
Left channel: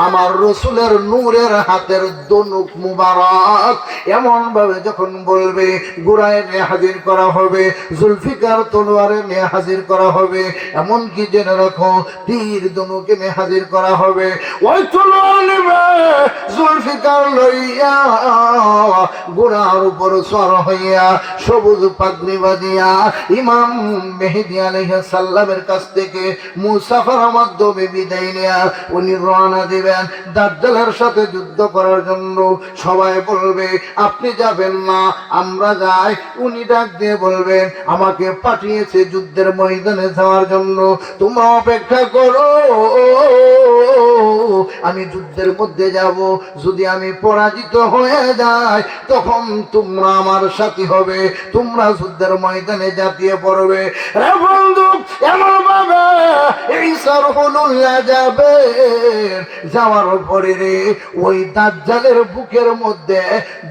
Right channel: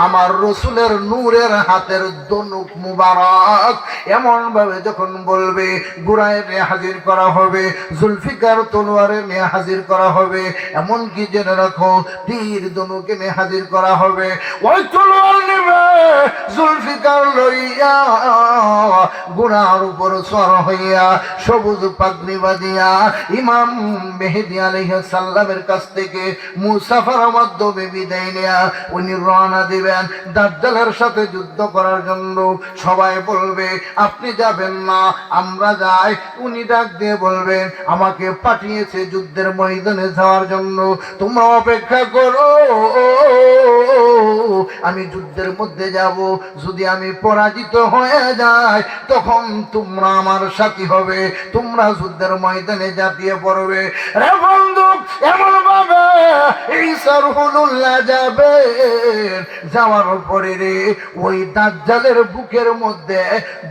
আমার রাসূলের নূরের হাতের দনুক মুবারক। এমন ভাবে যখন বলবে, ঘোড়ায় নিয়ে হাজির করা হবে, জুলফিকার তলোয়ারে নিয়ে হাজির করা হবে। এমন কি জেনে রাখো, তীর ধনুকে নিয়ে হাজির করা হবে। ওই তলোয়ার নেবে, জুলফিকার লইয়া ঘোড়ার উপর সওয়ার হইয়া সবুজ পাগড়ি বাঁধিয়া ইমাম মেহেদী আলাইহিস সালামের কাছ থেকে মুসাফার মাধ্যমে বিদায় নিয়া উনি রওনা দিবেন দাজ্জালের সাথে যুদ্ধ করার জন্য। সবাই বলবে, আপনি যাবেন না, আমরা যাই। উনি ডাক দিয়ে বলবেন, আমাকে পাঠিয়েছে যুদ্ধের ময়দানে যাওয়ার জন্য, তোমরা অপেক্ষা করো, আমি যুদ্ধের মধ্যে যাব। যদি আমি পরাজিত হয়ে যাই, তখন তোমরা আমার সাথী হবে, তোমরা যুদ্ধের ময়দানে ঝাঁপিয়ে পড়বে। বন্ধু, এমন ভাবে ঈসা রুহুল্লাহ যাবে, যাওয়ার পরে রে ওই দাজ্জালের বুকের মধ্যে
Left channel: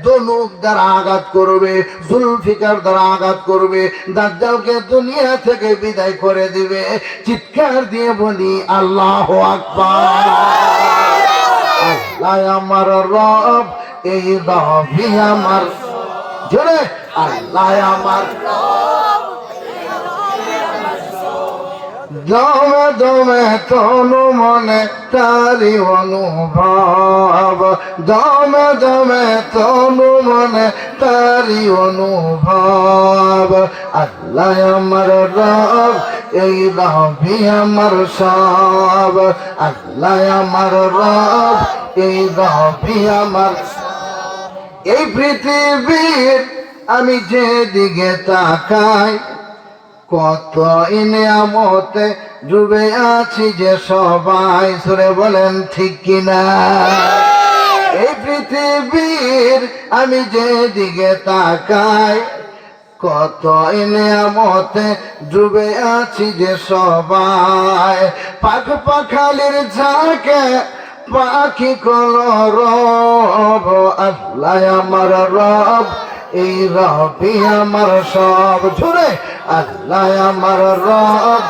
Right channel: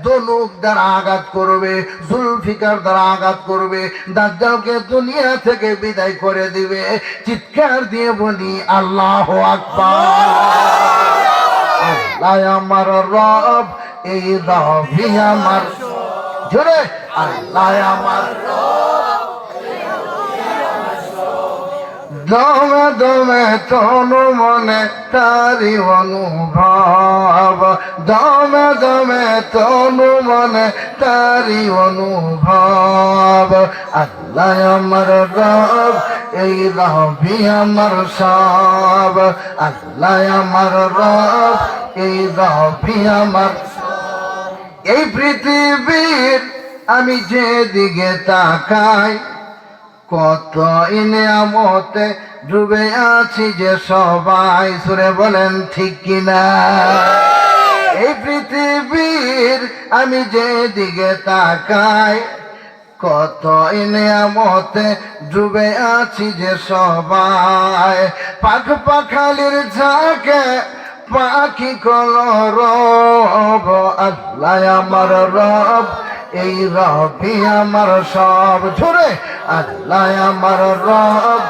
ধনুক দ্বারা আঘাত করবে, জুলফিকার দ্বারা আঘাত করবে, দাজ্জালকে দুনিয়া থেকে বিদায় করে দিবে। চিৎকার দিয়ে বলি আল্লাহু আকবার। আল্লাহ আমার রব, এই নবী আমার, জোরে আল্লাহ আমার দমে দমে তন মনে তারি অনুভব, দমে দমে তন মনে তারি অনুভব। আল্লাহ আমার রব, এই নবী আমার সব। আল্লাহ আমার রব, এই নবী আমার। এই পৃথিবীর আমি যেদিকে তাকাই, কত নিয়ামতে ডুবে আছি যে সবাই, সুরে বলেন ঠিক কিনা। এই পৃথিবীর আমি যেদিকে তাকাই, কত নিয়ামতে ডুবে আছি যে সবাই। পাখ পাখালির ঝাঁকে পাখি কলরব, আল্লাহ আমার রব, এই রবি আমার সব। ঝরে আল্লাহ আমার রব,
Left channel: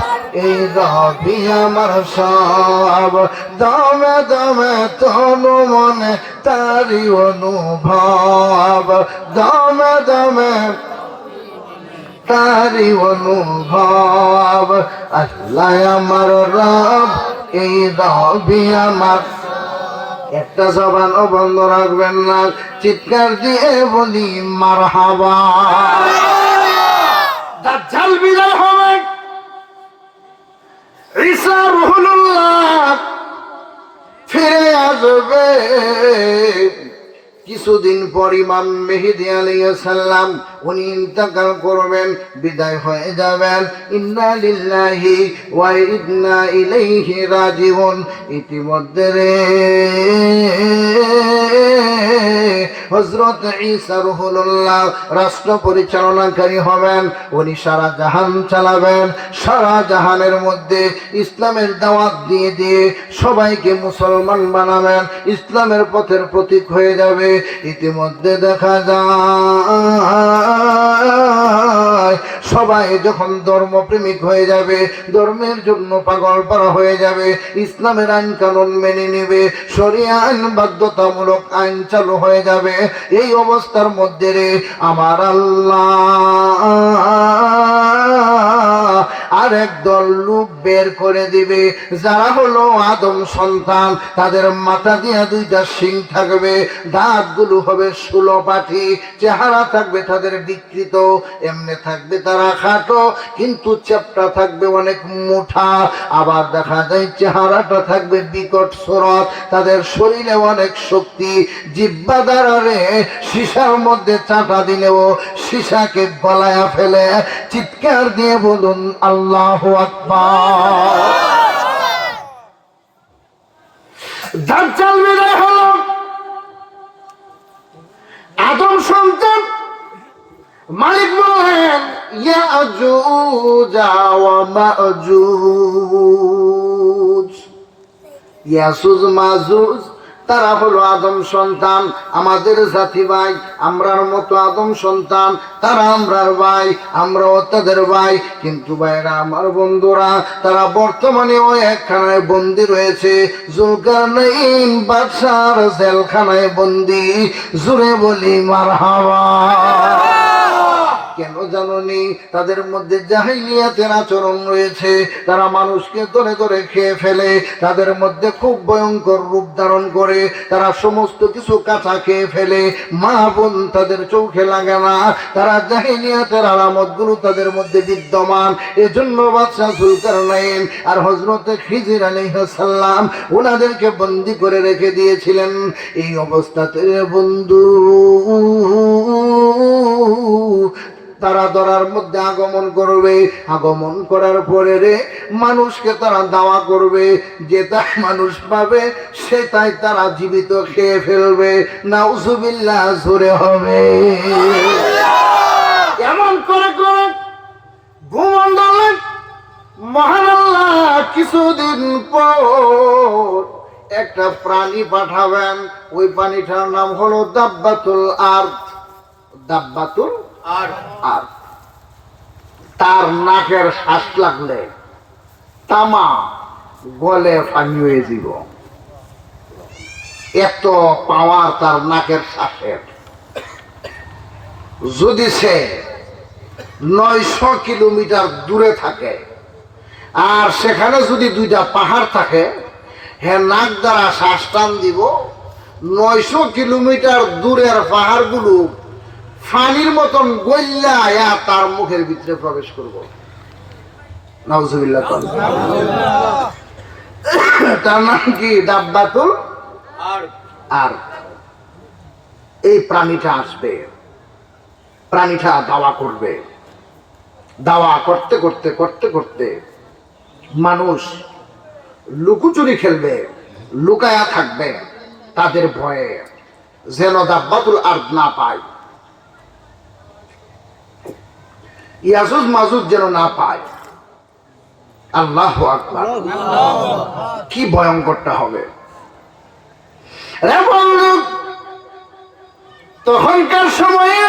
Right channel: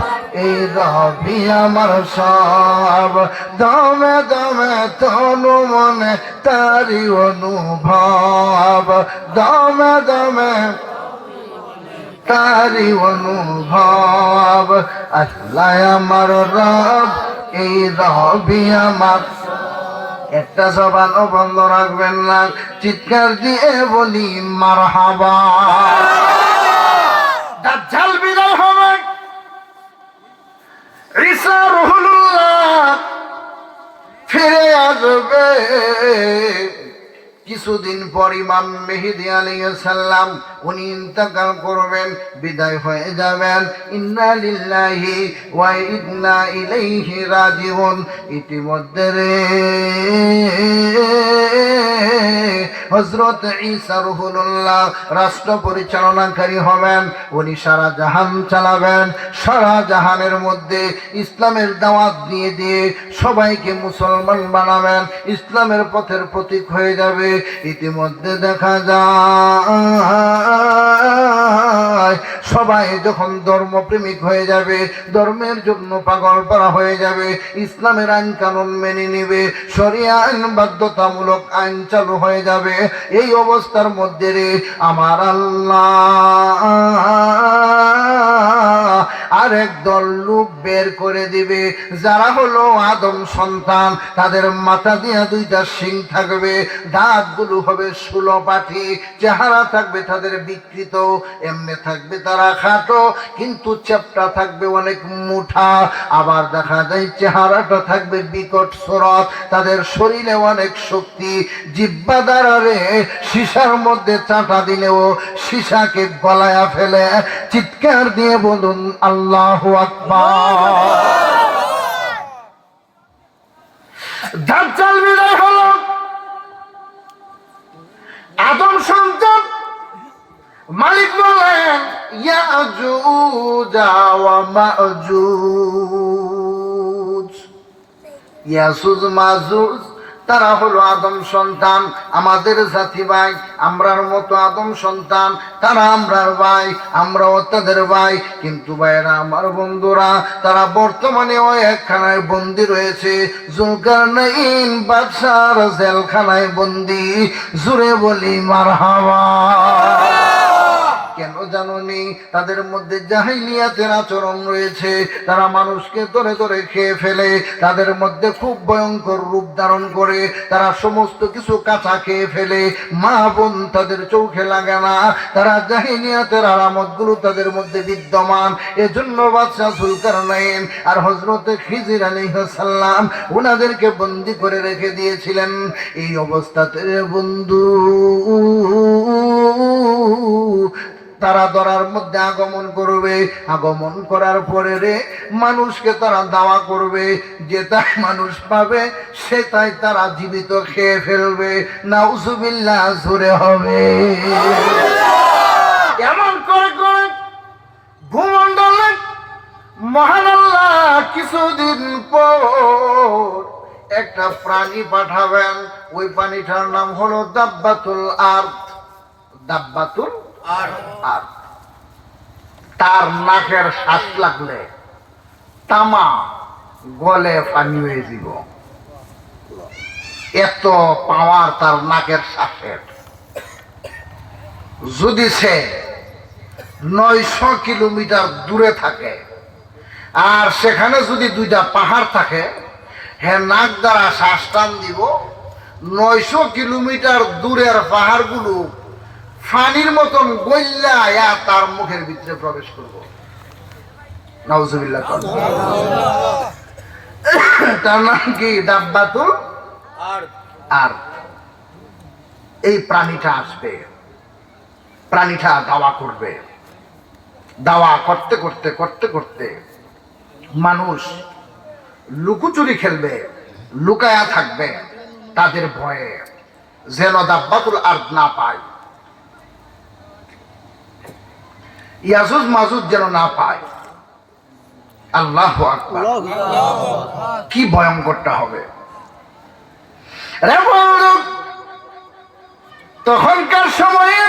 এই রবি আমার সব। দমে দমে তনু মনে তারি অনুভব, দমে দমে তারি অনুভব। আল্লাহ আমার রব, এই রবি আমার। একটা জবানও বন্ধ রাখবেন না, চিৎকার দিয়ে বলি মারহাবা। দাজ্জাল বিদায় হবে, ঈসা রুহুল্লাহ ফিরে আসবে। কিছুদিন পর ইমাম মেহেদী আলাইহিস সালাম উনি ইন্তেকাল করবেন, বিদায় হয়ে যাবেন। ইন্না লিল্লাহি ওয়া ইন্না ইলাইহি রাজিউন। ইতিমধ্যে রে হযরত ঈসা রুহুল্লাহ রাষ্ট্র পরিচালনাকারী হবেন। উনি সারা জাহান চালাবেন। সারা জাহানের মধ্যে ইসলামের দাওয়াত দিয়ে দিয়ে সবাইকে মুসলমান বানাবেন, ইসলামের পথের প্রতীক হয়ে যাবে। ইতিমধ্যে দেখা যায় সবাই যখন ধর্মপ্রেমিক হয়ে যাবে, ধর্মের জন্য পাগল পারা হয়ে যাবে, ইসলামের আইন কানুন মেনে নেবে, শরিয়া আইন বাধ্যতামূলক আইন চালু হয়ে যাবে। এই অবস্থার মধ্যে রে আমার আল্লাহ আরেক দল লোক বের করে দিবে, যারা হলো আদম সন্তান। তাদের মাথা দিয়া দুইটা শিং থাকবে, দাঁতগুলো হবে 16 পাঠি, চেহারা থাকবে তাদের বিকৃত, এমনি থাকবে তারা খাটো, কিন্তু চেপটা থাকবে অনেক মোটা। আবার দেখা যায় চেহারাটা থাকবে বিকট সুরত, তাদের শরীরে অনেক শক্তি। জিহ্বা দ্বারা সীসার মধ্যে চাটা দিলেও সীসাকে গলায়া ফেলে। চিৎকার দিয়ে বলুন আল্লাহু আকবার। দাজ্জাল বিদায় হলো, আদম সন্তান। মালিক বলেন ইয়াজুজ ওয়া মাজুজ, ইয়াজুজ মাজুজ তারা হলো আদম সন্তান, আমাদের জাতি ভাই। আমরার মতো আদম সন্তান, তারা আমরার ভাই, আমরাও তাদের ভাই। কিন্তু ভাইরা আমার, বন্ধুরা, তারা বর্তমানে ওই একখানায় বন্দী রয়েছে, জুলকারনাইন বাদশার জেলখানায় বন্দী। জুড়ে বলি মারহাবা। কেন জানোনি? তাদের মধ্যে জাহিলিয়াতের আচরণ রয়েছে। তারা মানুষকে ধরে ধরে খেয়ে ফেলে, তাদের মধ্যে খুব ভয়ঙ্কর রূপ ধারণ করে। তারা সমস্ত কিছু কাঁচা খেয়ে ফেলে, মা বোন তাদের চোখে লাগে না। তারা জাহিলিয়াতের আলামতগুলো তাদের মধ্যে বিদ্যমান। এজন্য বাদশা জুলকারনাইন আর হযরতে খিজির আলাইহিস সালাম ওনাদেরকে বন্দী করে রেখে দিয়েছিলেন। এই অবস্থাতে বন্ধু, তারা ধরার মধ্যে আগমন করবে। আগমন করার পরে রে মানুষকে তারা দাওয়া করবে, যে তাই মানুষ পাবে সে তাই তারা জীবিত খেয়ে ফেলবে। নাউজুবিল্লাহ, জোরে হবে। এমন করে করে ভূমণ্ডলে মহান আল্লাহ কিছুদিন পর একটা প্রাণী পাঠাবেন, ওই প্রাণীটার নাম হলো দাব্বাতুল আরদ। দাব্বাতুল আরদ। তার নাকের শ্বাস লাগলে তামা গলে পানি হয়ে যাব, এত পাওয়ার তার নাকের শ্বাসের। যদি সে 900 কিলোমিটার দূরে থাকে আর সেখানে যদি দুইটা পাহাড় থাকে, হ্যাঁ নাক দ্বারা শ্বাস টান দিব, 900 কিলোমিটার দূরের পাহাড়গুলো ফানির মতন গল্লা তার মুখের ভিতরে প্রবেশ করব। নাউজুবিল্লাহ। তার নাম কি? দাব্বাতুল আরদ। এই প্রাণীটা আসবে, প্রাণীটা দাওয়া করবে। দাওয়া করতে করতে করতে করতে মানুষ লুকোচুরি খেলবে, লুকায়া থাকবে তাদের ভয়ে, যেন দাব্বাতুল আরদ না পায়, ইয়াজুজ মাজুজ যেন না পায়। আল্লাহু আকবার। কি ভয়ঙ্করটা হবে! তখনকার সময়ে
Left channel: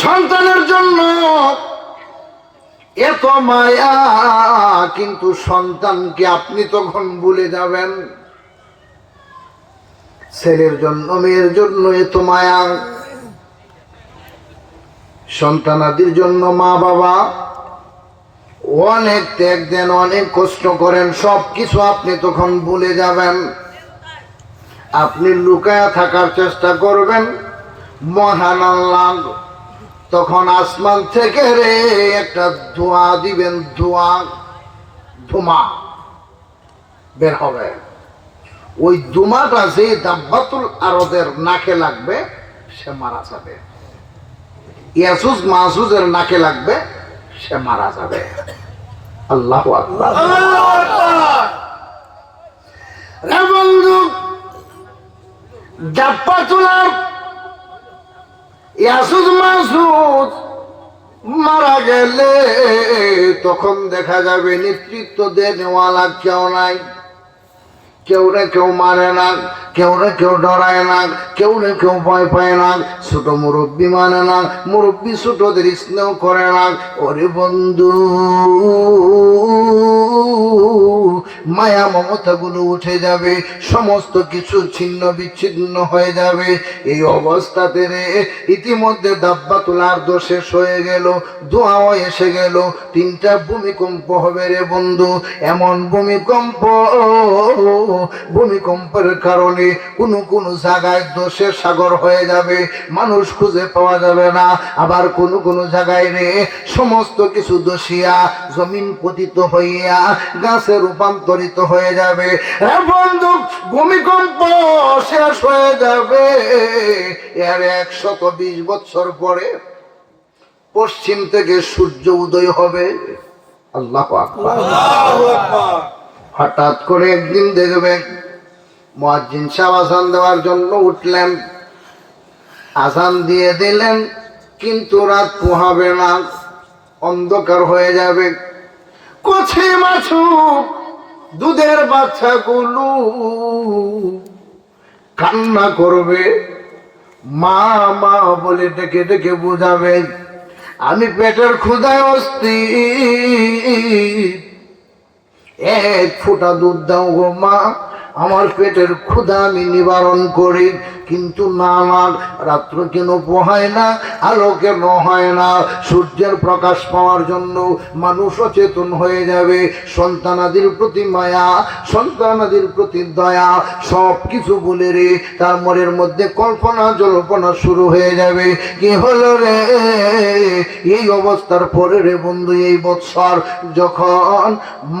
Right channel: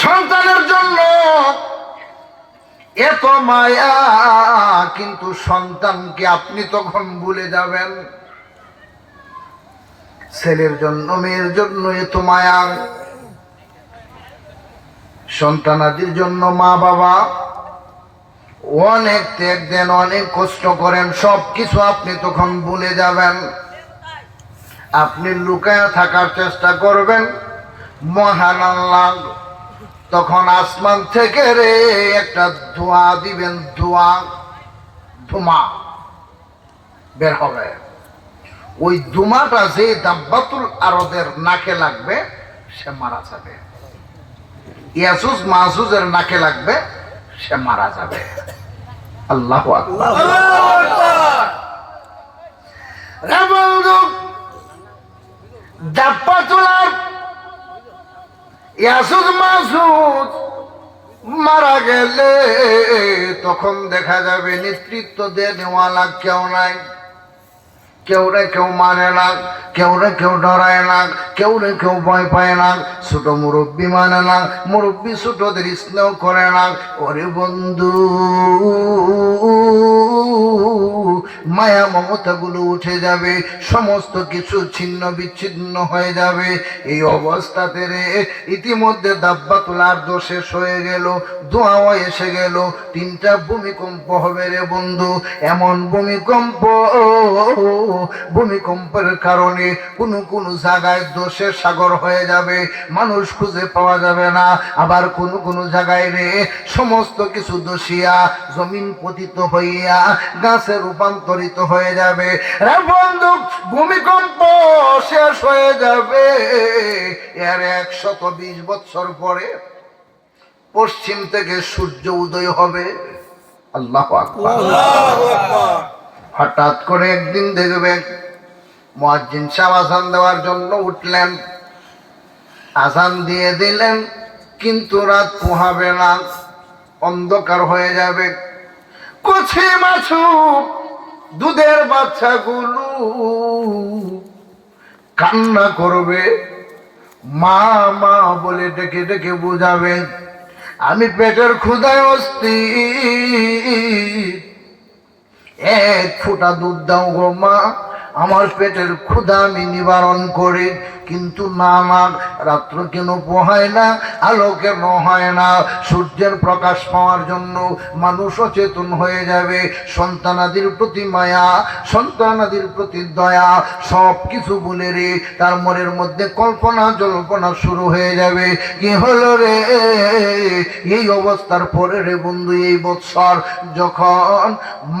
সন্তানের জন্য এত মায়া, কিন্তু সন্তানকে আপনি তখন ভুলে যাবেন। ছেলের জন্য মেয়ের জন্য এত মায়া, সন্তানাদির জন্য মা বাবা অনেক ত্যাগ দেন, অনেক কষ্ট করেন, সবকিছু আপনি তখন ভুলে যাবেন। আপনি লুকায়া থাকার চেষ্টা করবেন। মহান আল্লাহ তখন আসমান থেকে রে একটা ধোঁয়া দিবেন, ধোঁয়া বের হবে। ওই ধোঁয়াটা যে দাব্বাতুল আরদের নাকে লাগবে সে মারা যাবে, ইয়াজুজ মাজুজের নাকে লাগবে সে মারা যাবে। আল্লাহু আকবার। রে বন্ধু, দাব্বাতুল আরদ ইয়াজুজ মাজুজ মারা গেলে তখন দেখা যাবে নেতৃত্ব দেওয়ালা কেউ নাই। কেউরে কেউ মারে না, কেউরে কেউ ডরায় না, কেউরে কেউ ভয় পায় না। ছোট মুরব্বী মানে না, মুরব্বী ছোটদের স্নেহ করে না। ওরে বন্ধু, মায়া মমতা গুলো উঠে যাবে, সমস্ত কিছু ছিন্ন বিচ্ছিন্ন হয়ে যাবে। এই অবস্থাতে রে ইতিমধ্যে দাব্বাতুল আরদ শেষ হয়ে গেল, ধোঁয়াও এসে গেল। 3টা ভূমিকম্প হবে রে বন্ধু। এমন ভূমিকম্পের কারণে কোন জায়গায় দোষের সাগর হয়ে যাবে, মানুষ খুঁজে পাওয়া যাবে না। আবার কোন জায়গায় রে সমস্ত কিছু দোষিয়া জমিন পতিত হইয়া গাছে রূপান্তরিত হয়ে যাবে। বন্ধু, ভূমিকম্প শেষ হয়ে যাবে, এর 120 বছর পরে পশ্চিম থেকে সূর্য উদয় হবে। আল্লাহু আকবার। হঠাৎ করে একদিন দেখবেন মুয়াজ্জিন সাহেব আযান দেওয়ার জন্য উঠলেন, আযান দিয়ে দিলেন, কিন্তু রাত পোহাবে না, অন্ধকার হয়ে যাবে। কচি মাছুক দুধের বাচ্চাগুলো কান্না করবে, মা মা বলে ডেকে ডেকে বোঝাবে, আমি পেটের ক্ষুধায় অস্থির, 1 ফোঁটা দুধ দাও গো মা, আমার পেটের ক্ষুধা আমি নিবারণ করি। কিন্তু না, রাত্র কেন পোহায় না, আলো কেন হয় না? সূর্যের প্রকাশ পাওয়ার জন্য মানুষ অচেতন হয়ে যাবে। সন্তানাদির প্রতি মায়া, সন্তানাদির প্রতি দয়া, সব কিছু বলে রে তার মনের মধ্যে কল্পনা জল্পনা শুরু হয়ে যাবে। কি হলো রে? এই অবস্থার পরে রে বন্ধু, এই বৎসর যখন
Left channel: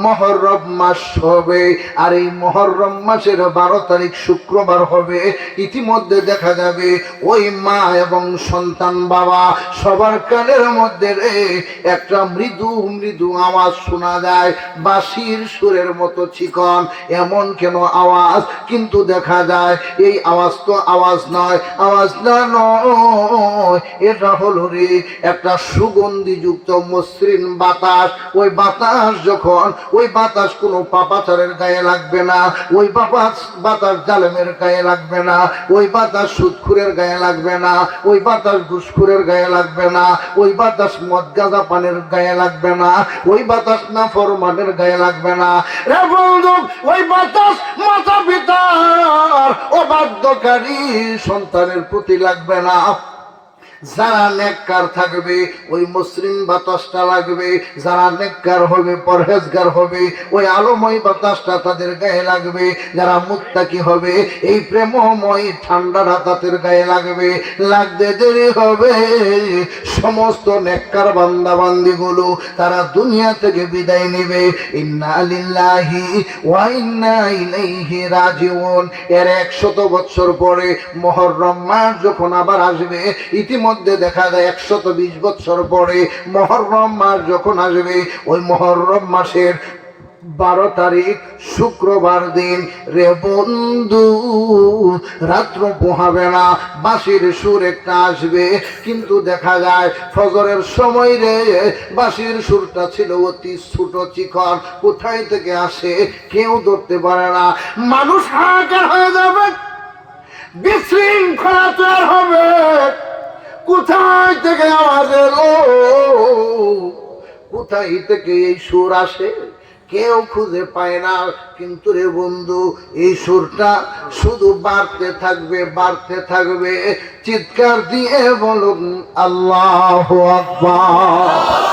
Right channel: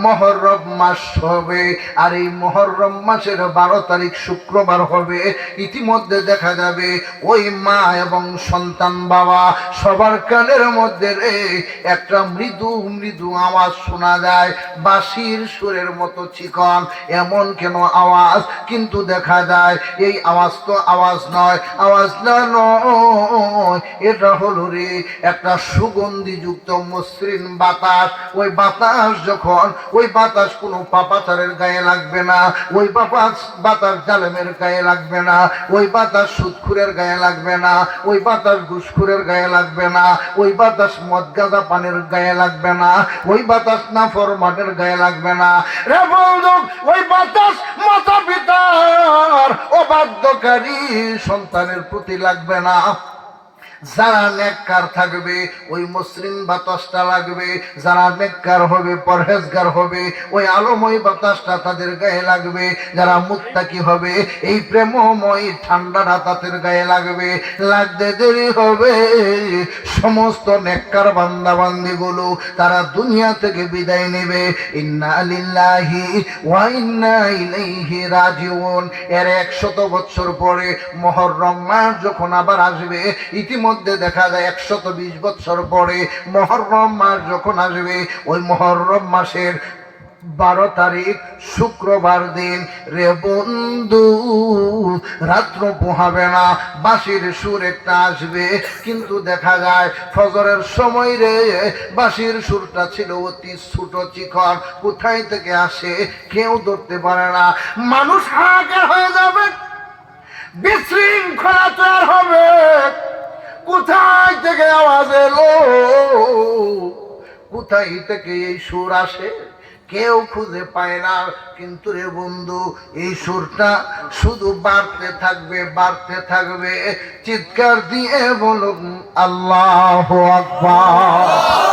মুহররম মাস হবে, আর এই মুহররম মাসের 12 তারিখ শুক্রবার হবে, ইতিমধ্যে ইতিমধ্যে দেখা যাবে ওই মা এবং সন্তান বাবা সবার কানের মধ্যে একটা মৃদু মৃদু আওয়াজ শোনা যায়, বাঁশির সুরের মতো চিকন। এমন কেন আওয়াজ? কিন্তু দেখা যায় এই আওয়াজ তো আওয়াজ নয়, আওয়াজ না নয়, এটা হলো রে একটা সুগন্ধিযুক্ত মসৃণ বাতাস। ওই বাতাস যখন, ওই বাতাস কোনো পাপাচারের গায়ে লাগবে না, ওই বাতাস জালেমের গায়ে লাগবে না, ওই বাতাস সুদখুরের গায়ে লাগবে না, ওই বাতাস ঘুষখুরের গায়ে লাগবে না, ওই বাতাস মদ গাঁজা পানের গায়ে লাগবে না, ওই বাতাস নাফরমানের গায়ে লাগবে না। রে বন্ধু, ওই বাতাস মাতা পিতার অবাধ্যকারী সন্তানের প্রতি লাগবে না। যারা নেককার থাকবে ওই মসৃণ বাতাসটা লাগবে, যারা নেককার হবে, পরহেজগার হবে, ওই আলোময় বাতাসটা তাদের গায়ে লাগবে। যারা মুত্তাকি হবে এই প্রেমময় ঠান্ডাটা তাদের গায়ে লাগবে। লাগতে দেরি হবে, সমস্ত নেককার বান্দা বান্দিগুলো তারা দুনিয়া থেকে বিদায় নেবে। ইন্না লিল্লাহি ওয়া ইন্না ইলাইহি রাজিউন। এর 100 বছর পরে মুহররম মাস যখন আবার আসবে, ইতিমধ্যে দেখা যায় 120 বছর পরে মুহররম মাস যখন আসবে, ওই মুহররম মাসের 12 তারিখ শুক্রবার দিন রে বন্ধু, রাত্র পোহাবে না, বাঁশির সুর একটা আসবে। কিন্তু দেখা যায় ফজরের সময় রে বাঁশির সুরটা ছিল অতি ছোট চিকন, কোথায় থেকে আসে কেউ ধরতে পারে না। মানুষ হাহাকার হয়ে যাবে, বিশৃঙ্খলা তৈরি হবে, কোথায় থেকে আওয়াজ এলো, কোথায় থেকে এই সুর আসে কেউ খুঁজে পায় না। কিন্তু রে বন্ধু, এই সুরটা শুধু বাড়তে থাকবে, বাড়তে থাকবে। চিৎকার দিয়ে বলুন আল্লাহু আকবার।